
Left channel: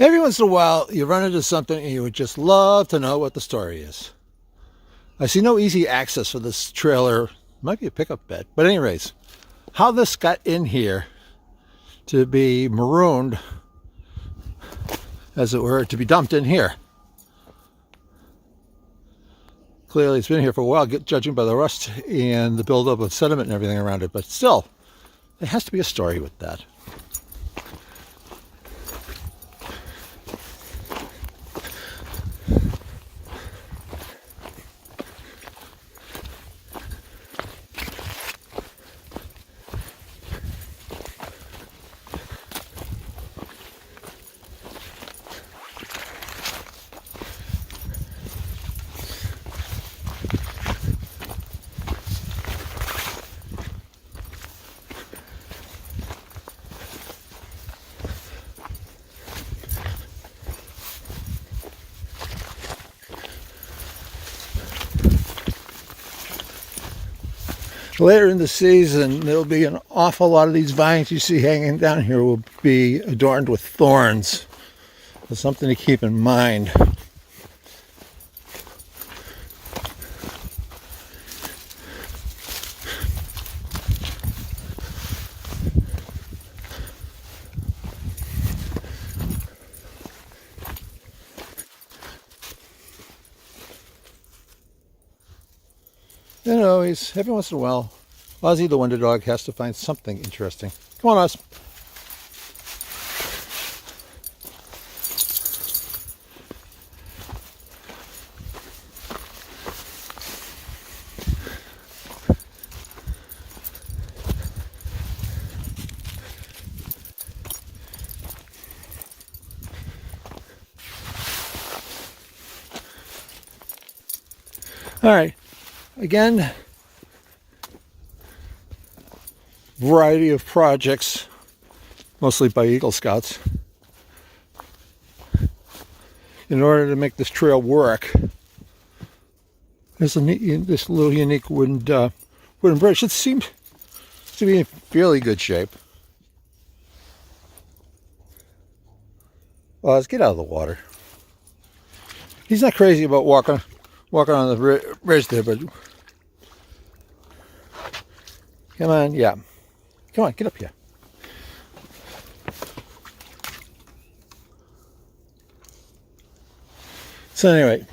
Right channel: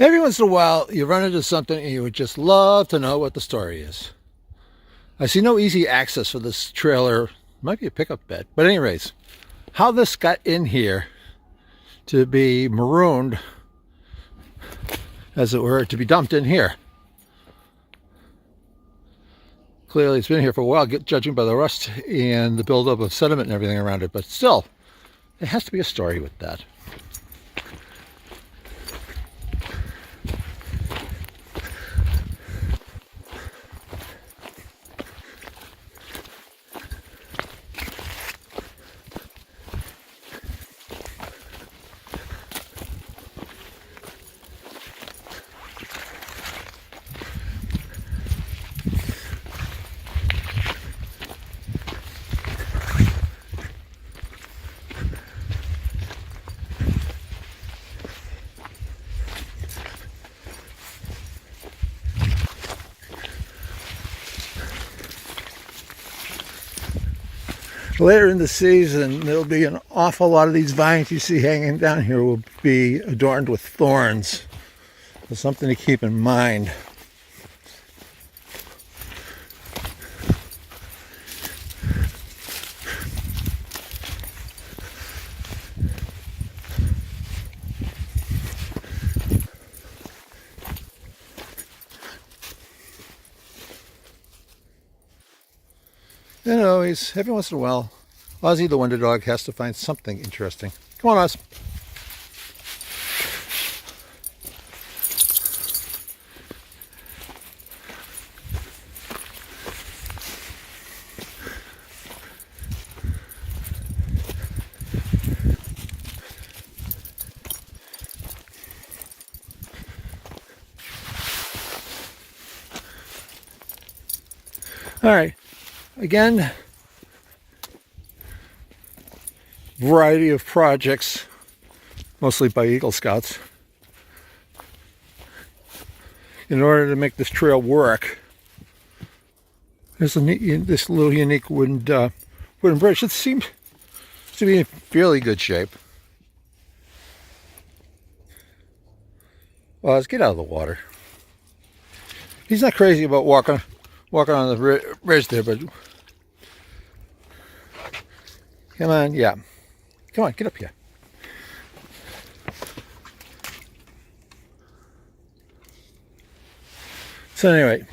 Every once in a while, you run into something and you would just love to know what the story is. I see no easy access for this trailer. Might be a pickup bed. But anyways, how this got in here to be marooned, as it were, to be dumped in here. Clearly it's been here for a while, judging by the rust and the buildup of sediment and everything around it. But still, there has to be a story with that. Later in the season, there'll be an awful lot of these vines you see hanging down here will be adorned with thorns. That's something to keep in mind. And always, every once in a while, Ozzy the Wonder Dog has to find something interesting. Come on, Oz. All right. Again, variety of projects, mostly by Eagle Scouts, in order to make this trail work. There's this little unique wooden bridge that seems to be in fairly good shape. Well, let's get out of the water. He's not crazy about walking on the bridge there, but come on, yeah. Come on, get up here. So anyway,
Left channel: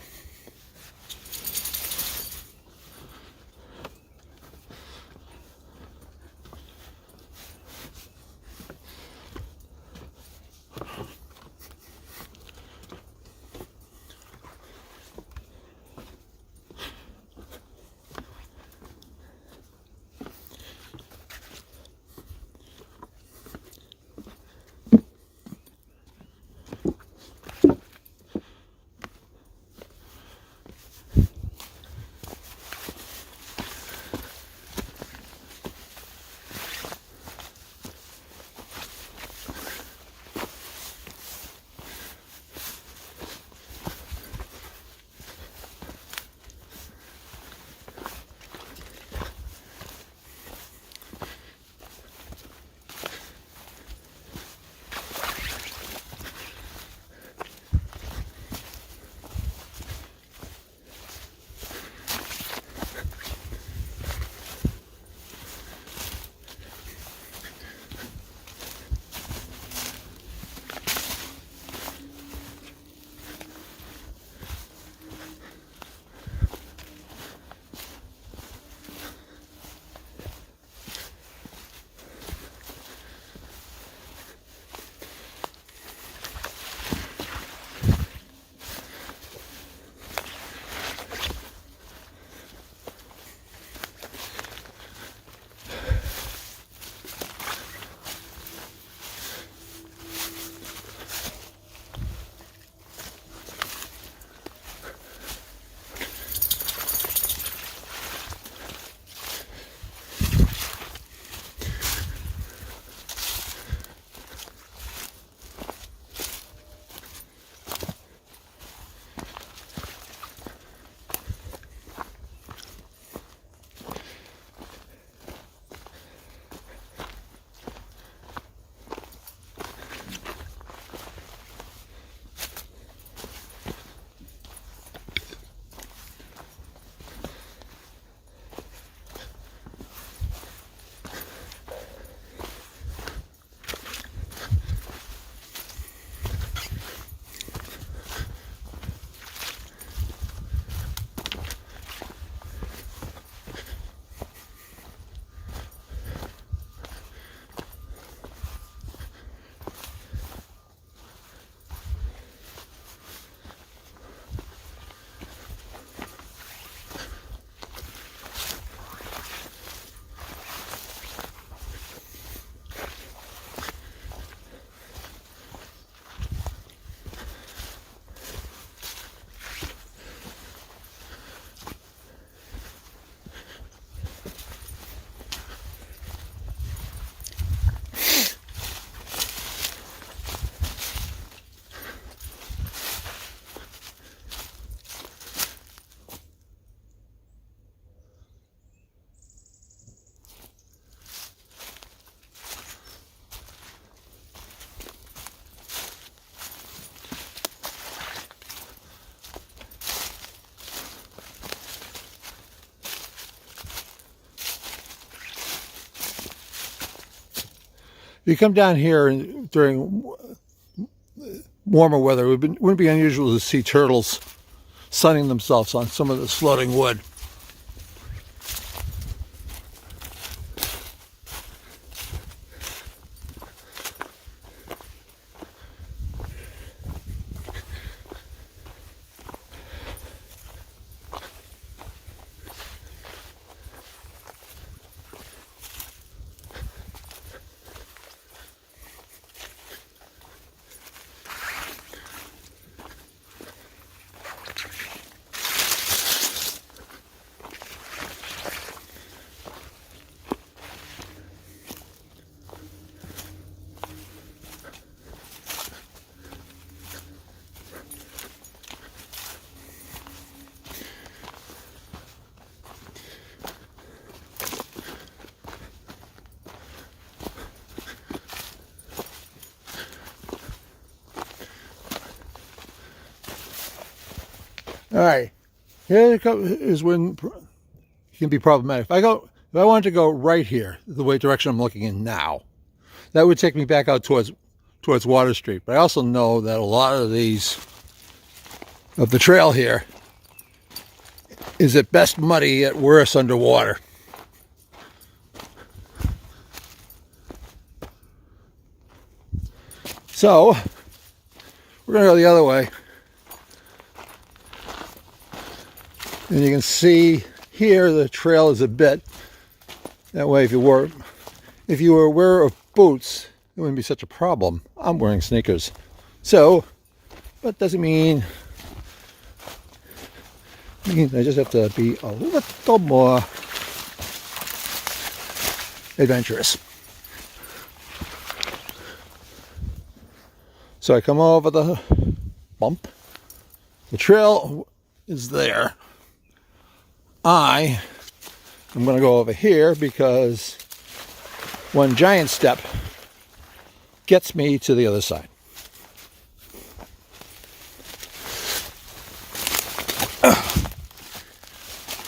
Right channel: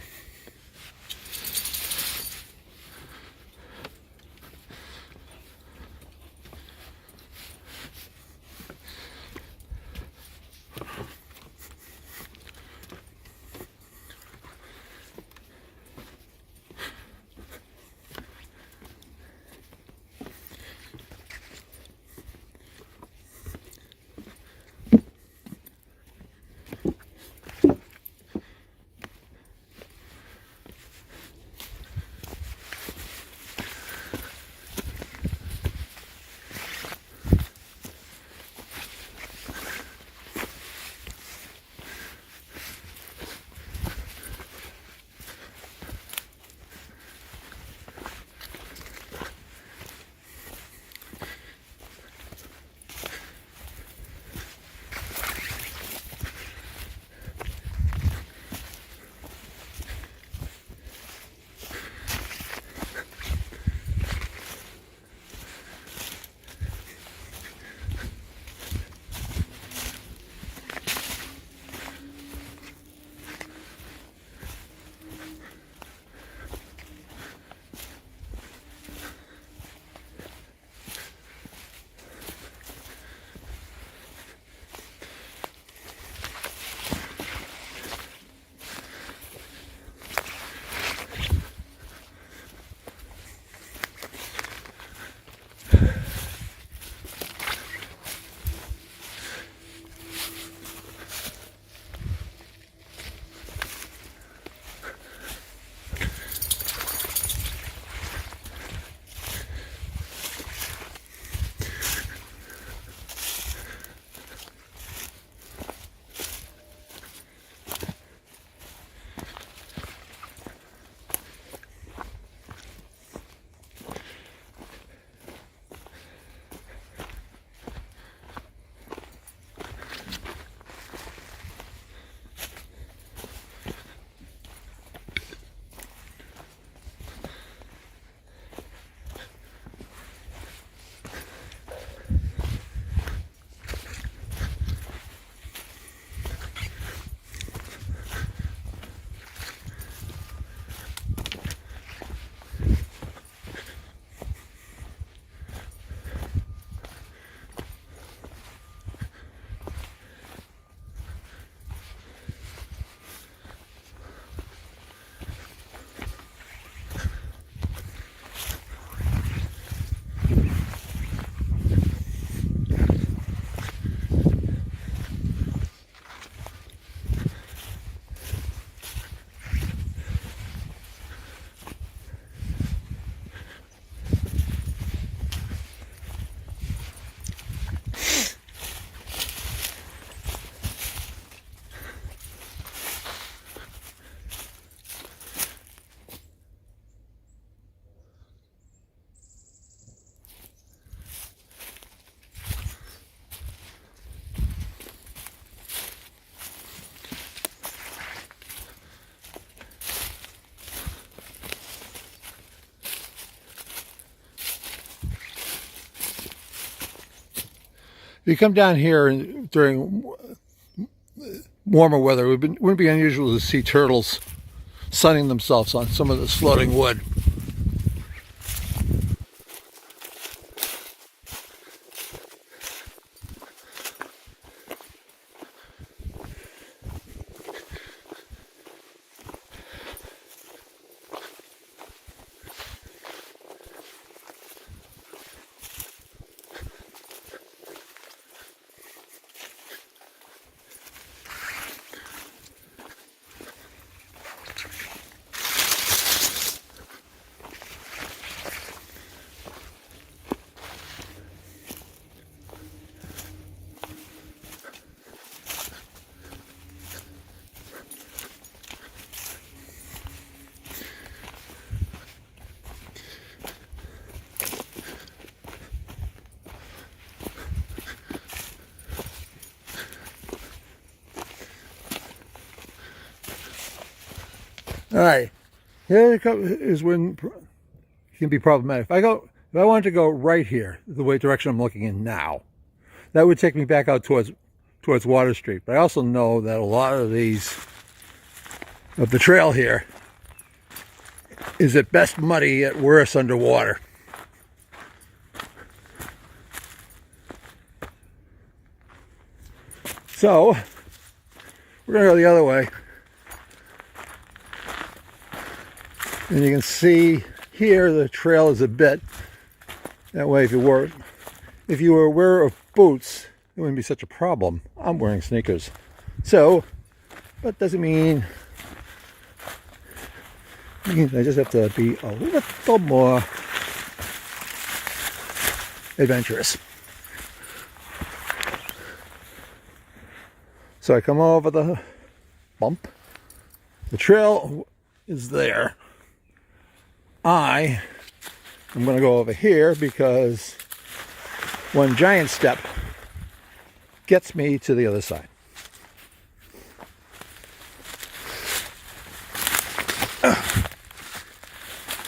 If you come down here during warmer weather, it wouldn't be unusual to see turtles sunning themselves on some of this floating wood. All right, here is when it can be problematic. If I wanted to go right here, the direction I'm looking in now, that would take me back out towards Water Street. But I also know that a lot of the trail here is at best muddy, at worst underwater. So we're gonna go the other way. And you can see here the trail is a bit that way. If you were aware of boots, it wouldn't be such a problem. I'm wearing sneakers, so that doesn't mean I just have to be a little more adventurous. So I come over the bump. The trail is there. I'm going to go over here because one giant step gets me to the other side.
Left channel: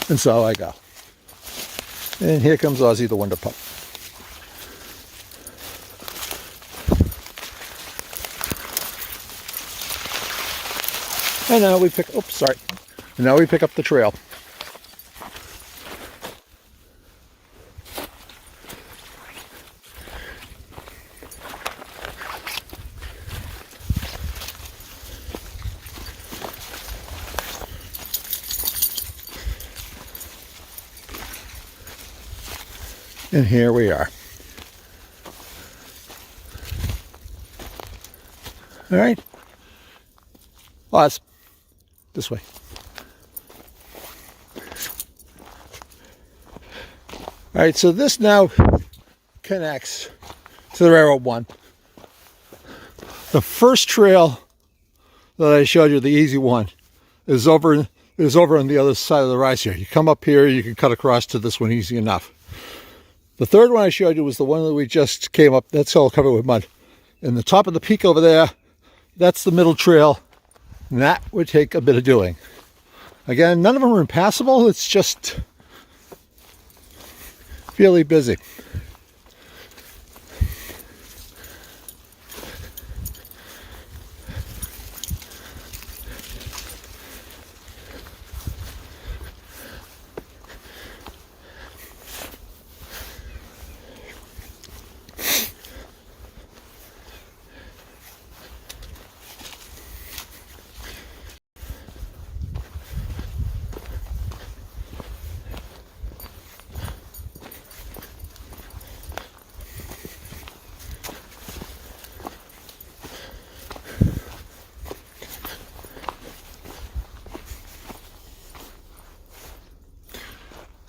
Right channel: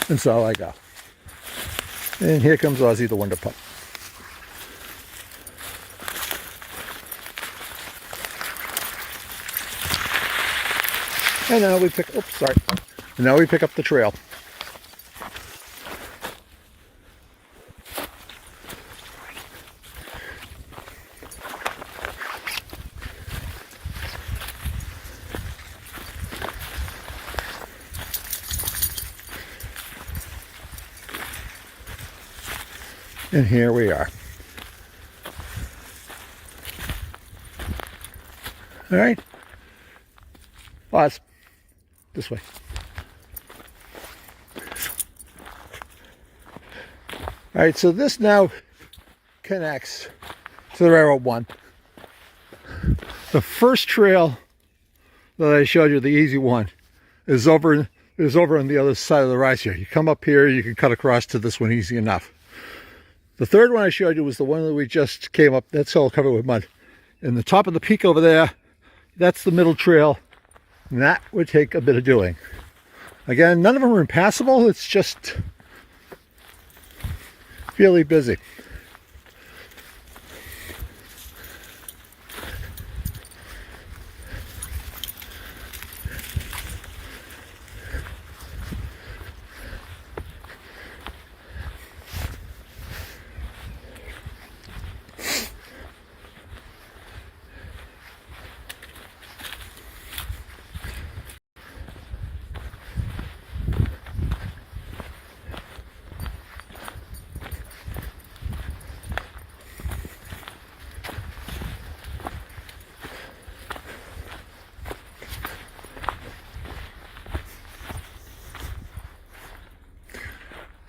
And so I go. And here comes Ozzy the Wonder Pup. And now we pick, And now we pick up the trail. And here we are. All right. Pause. This way. All right, so this now connects to the Railroad 1. The first trail that I showed you, the easy one, is over on the other side of the rise here. You come up here, you can cut across to this one easy enough. The third one I showed you was the one that we just came up. That's all covered with mud. And the top of the peak over there, that's the middle trail. And that would take a bit of doing. Again, none of them are impassable. It's just fairly busy.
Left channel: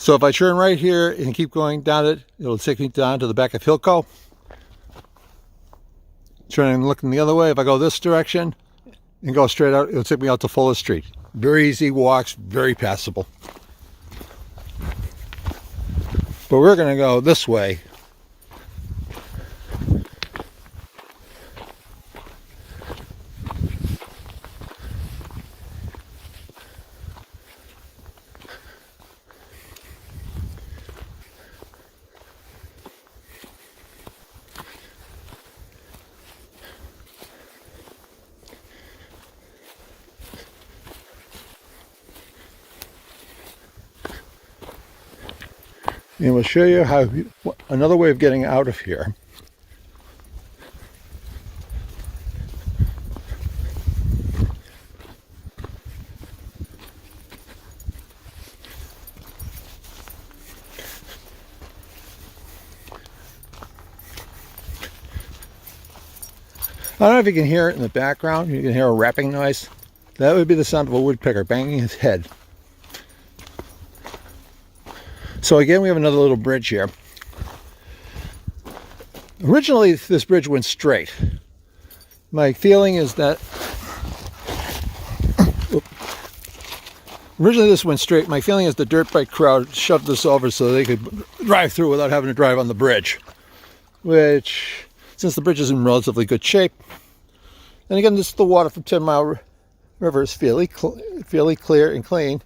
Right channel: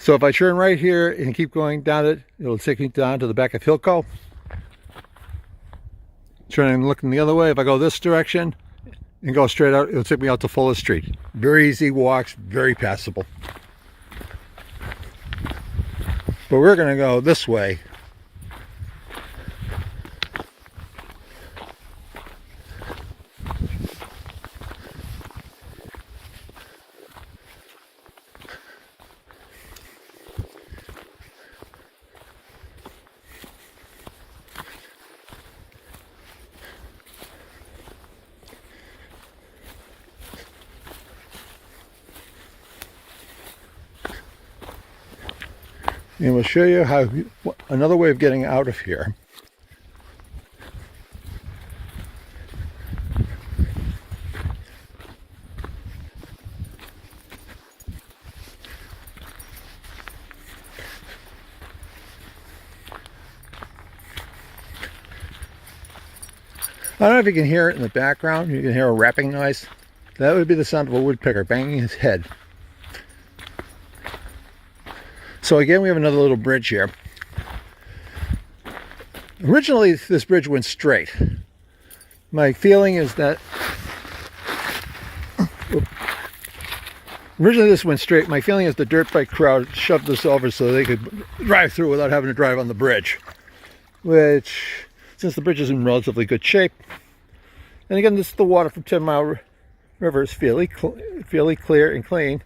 So if I turn right here and keep going down it, it'll take me down to the back of Hilco. Turning and looking the other way, if I go this direction and go straight out, it'll take me out to Fuller Street. Very easy walks, very passable. But we're going to go this way. And we'll show you how another way of getting out of here. I don't know if you can hear it in the background. You can hear a rapping noise. That would be the sound of a woodpecker banging his head. So again, we have another little bridge here. Originally, this bridge went straight. My feeling is that originally this went straight. My feeling is the dirt bike crowd shoved this over so they could drive through without having to drive on the bridge, which, since the bridge is in relatively good shape, and again, this is the water from 10 Mile River is fairly clear and clean.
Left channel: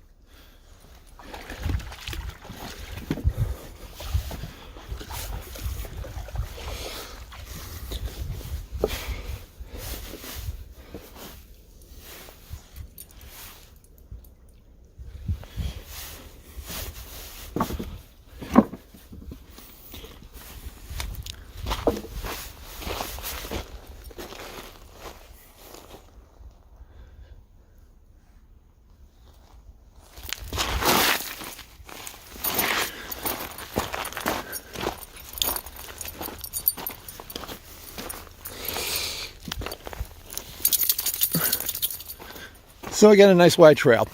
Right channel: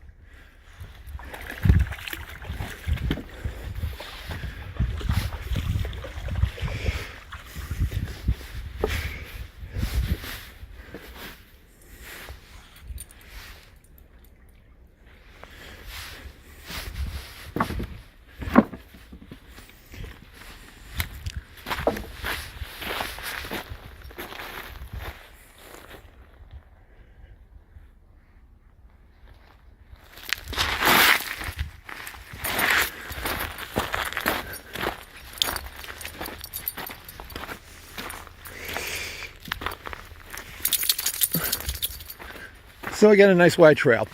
So again, a nice wide trail.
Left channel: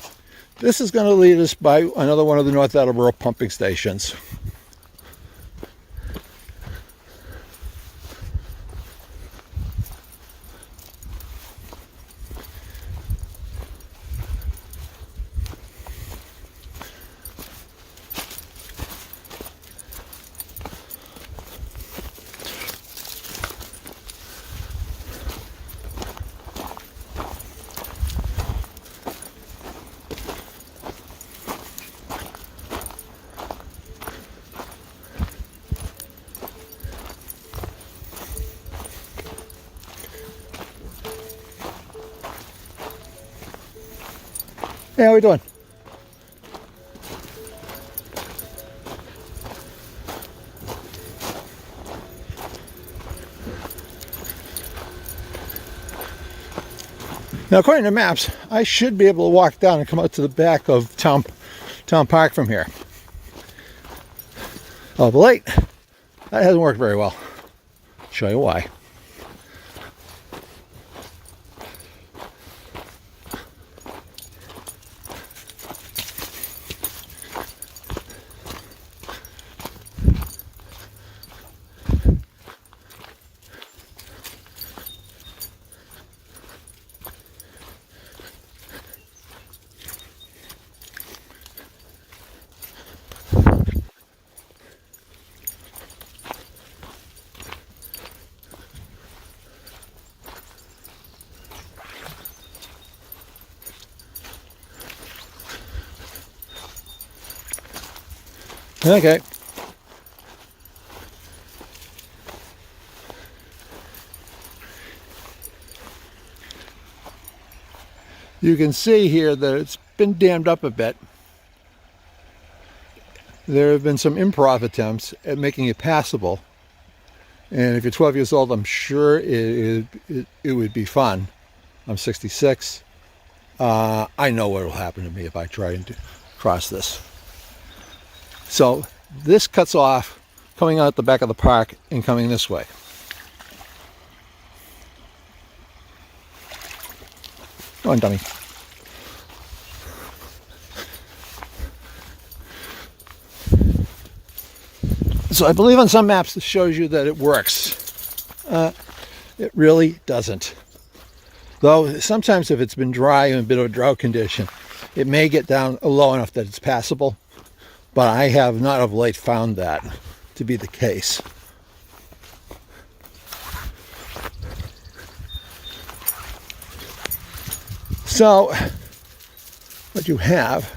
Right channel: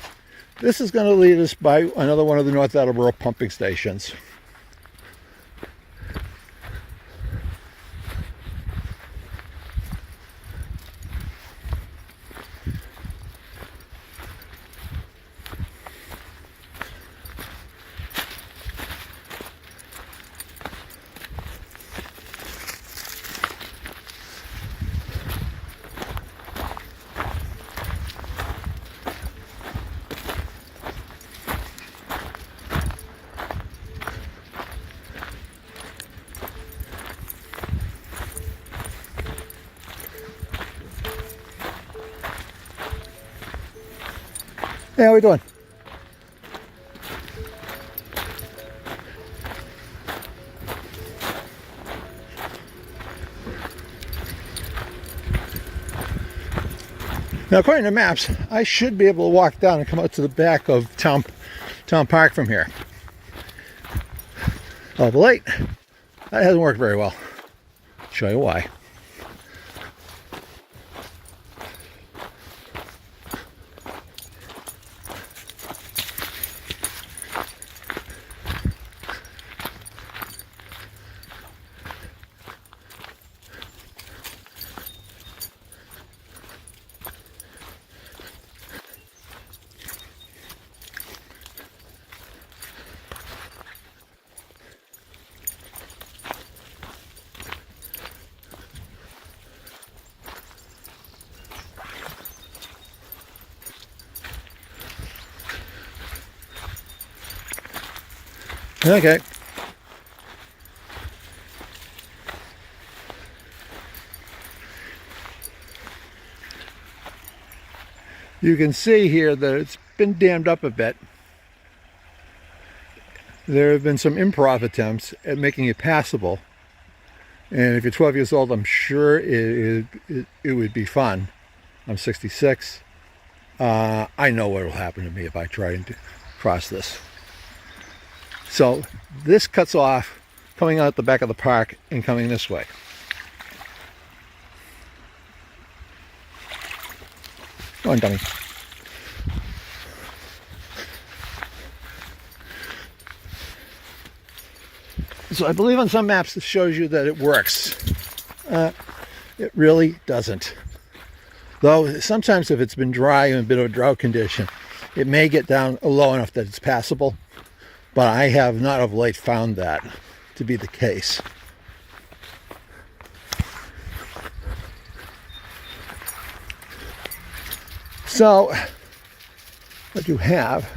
This is going to lead us by another one of the North Attleboro pumping stations. Hey, how we doing? Now, according to maps, I should be able to walk down and come out to the back of Town Park from here. Oh, but late. That hasn't worked very well. I'll show you why. Okay. You can see here that it's been dammed up a bit. There have been some improv attempts at making it passable. And if you're 12 years old, I'm sure it would be fun. I'm 66. I know what will happen to me if I try and cross this. So this cuts off coming out the back of the park and coming this way. Go on, dummy. So I believe on some maps this shows you that it works. It really doesn't. Though sometimes if it's been dry and a bit of a drought condition, it may get down low enough that it's passable. But I have not of late found that to be the case. So, what you have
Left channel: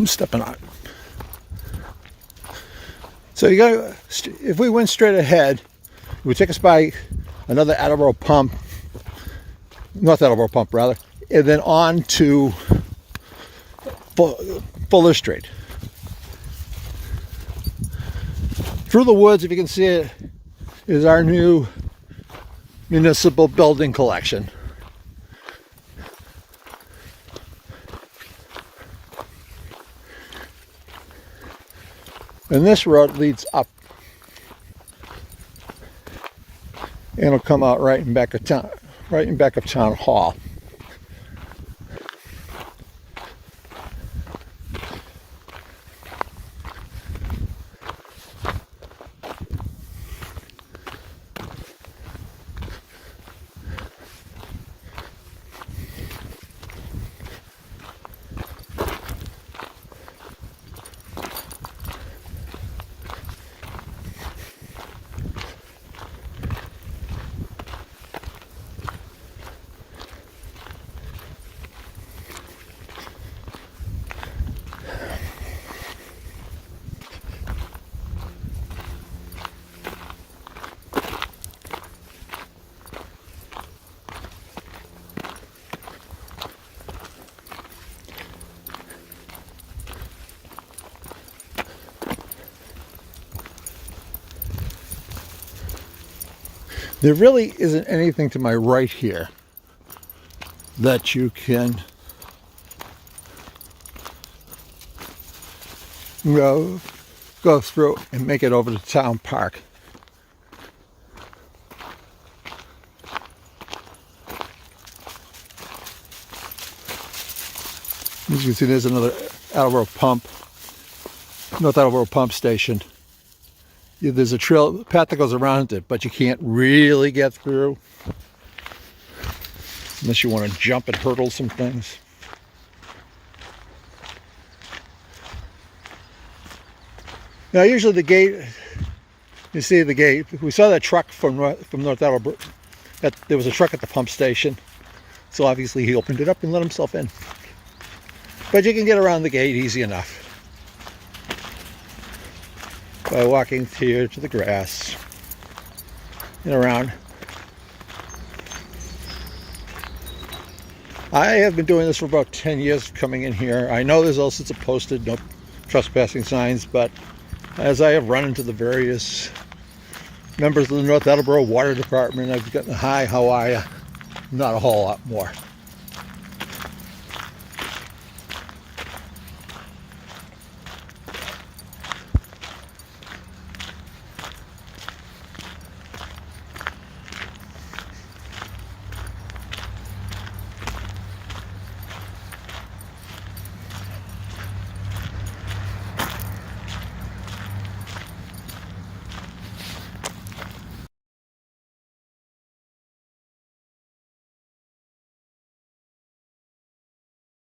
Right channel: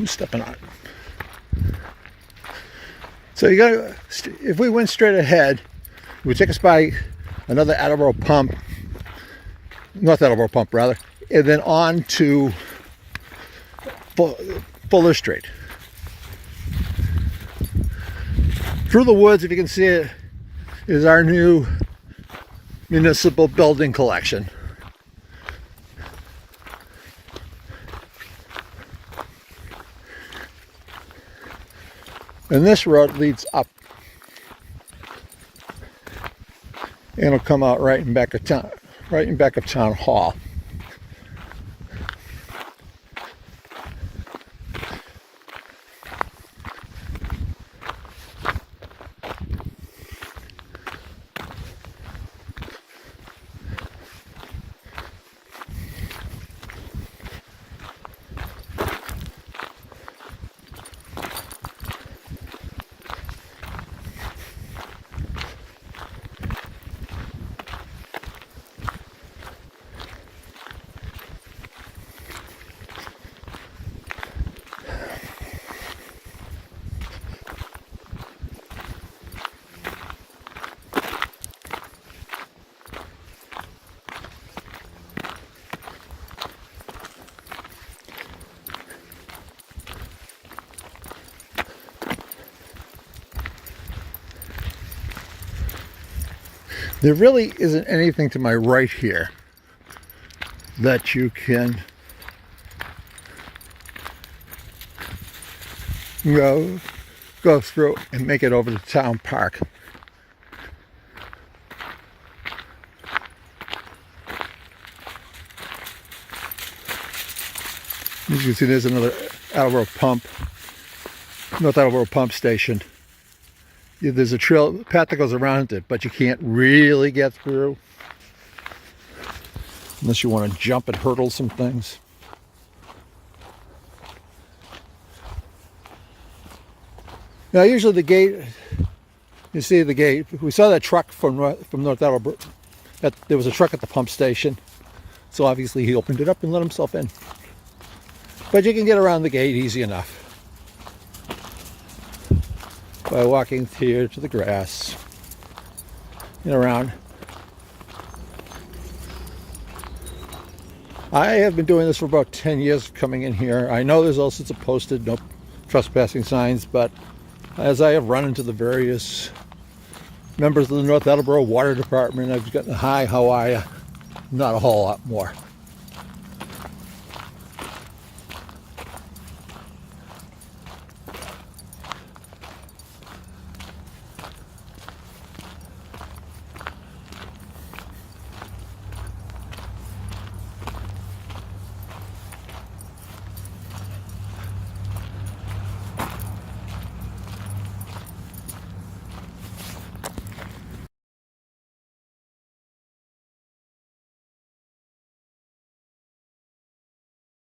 I'm stepping on it. So you got, if we went straight ahead, it would take us by another Attleboro pump, North Attleboro pump rather, and then on to Fuller Street. Through the woods, if you can see it, is our new municipal building collection. And this road leads up. And it'll come out right in back of town, right in back of Town Hall. There really isn't anything to my right here that you can go through and make it over to Town Park. As you can see, there's another Attleboro pump, North Attleboro pump station. Yeah, there's a trail path that goes around it, but you can't really get through unless you want to jump and hurdle some things. Now, usually the gate, you see the gate. We saw that truck from North Attleboro. There was a truck at the pump station, so obviously he opened it up and let himself in. But you can get around the gate easy enough by walking here to the grass and around. I have been doing this for about 10 years, coming in here. I know there's all sorts of posted no trespassing signs, but as I have run into the various members of the North Attleboro Water Department, I've gotten, hi, how are you? Not a whole lot more.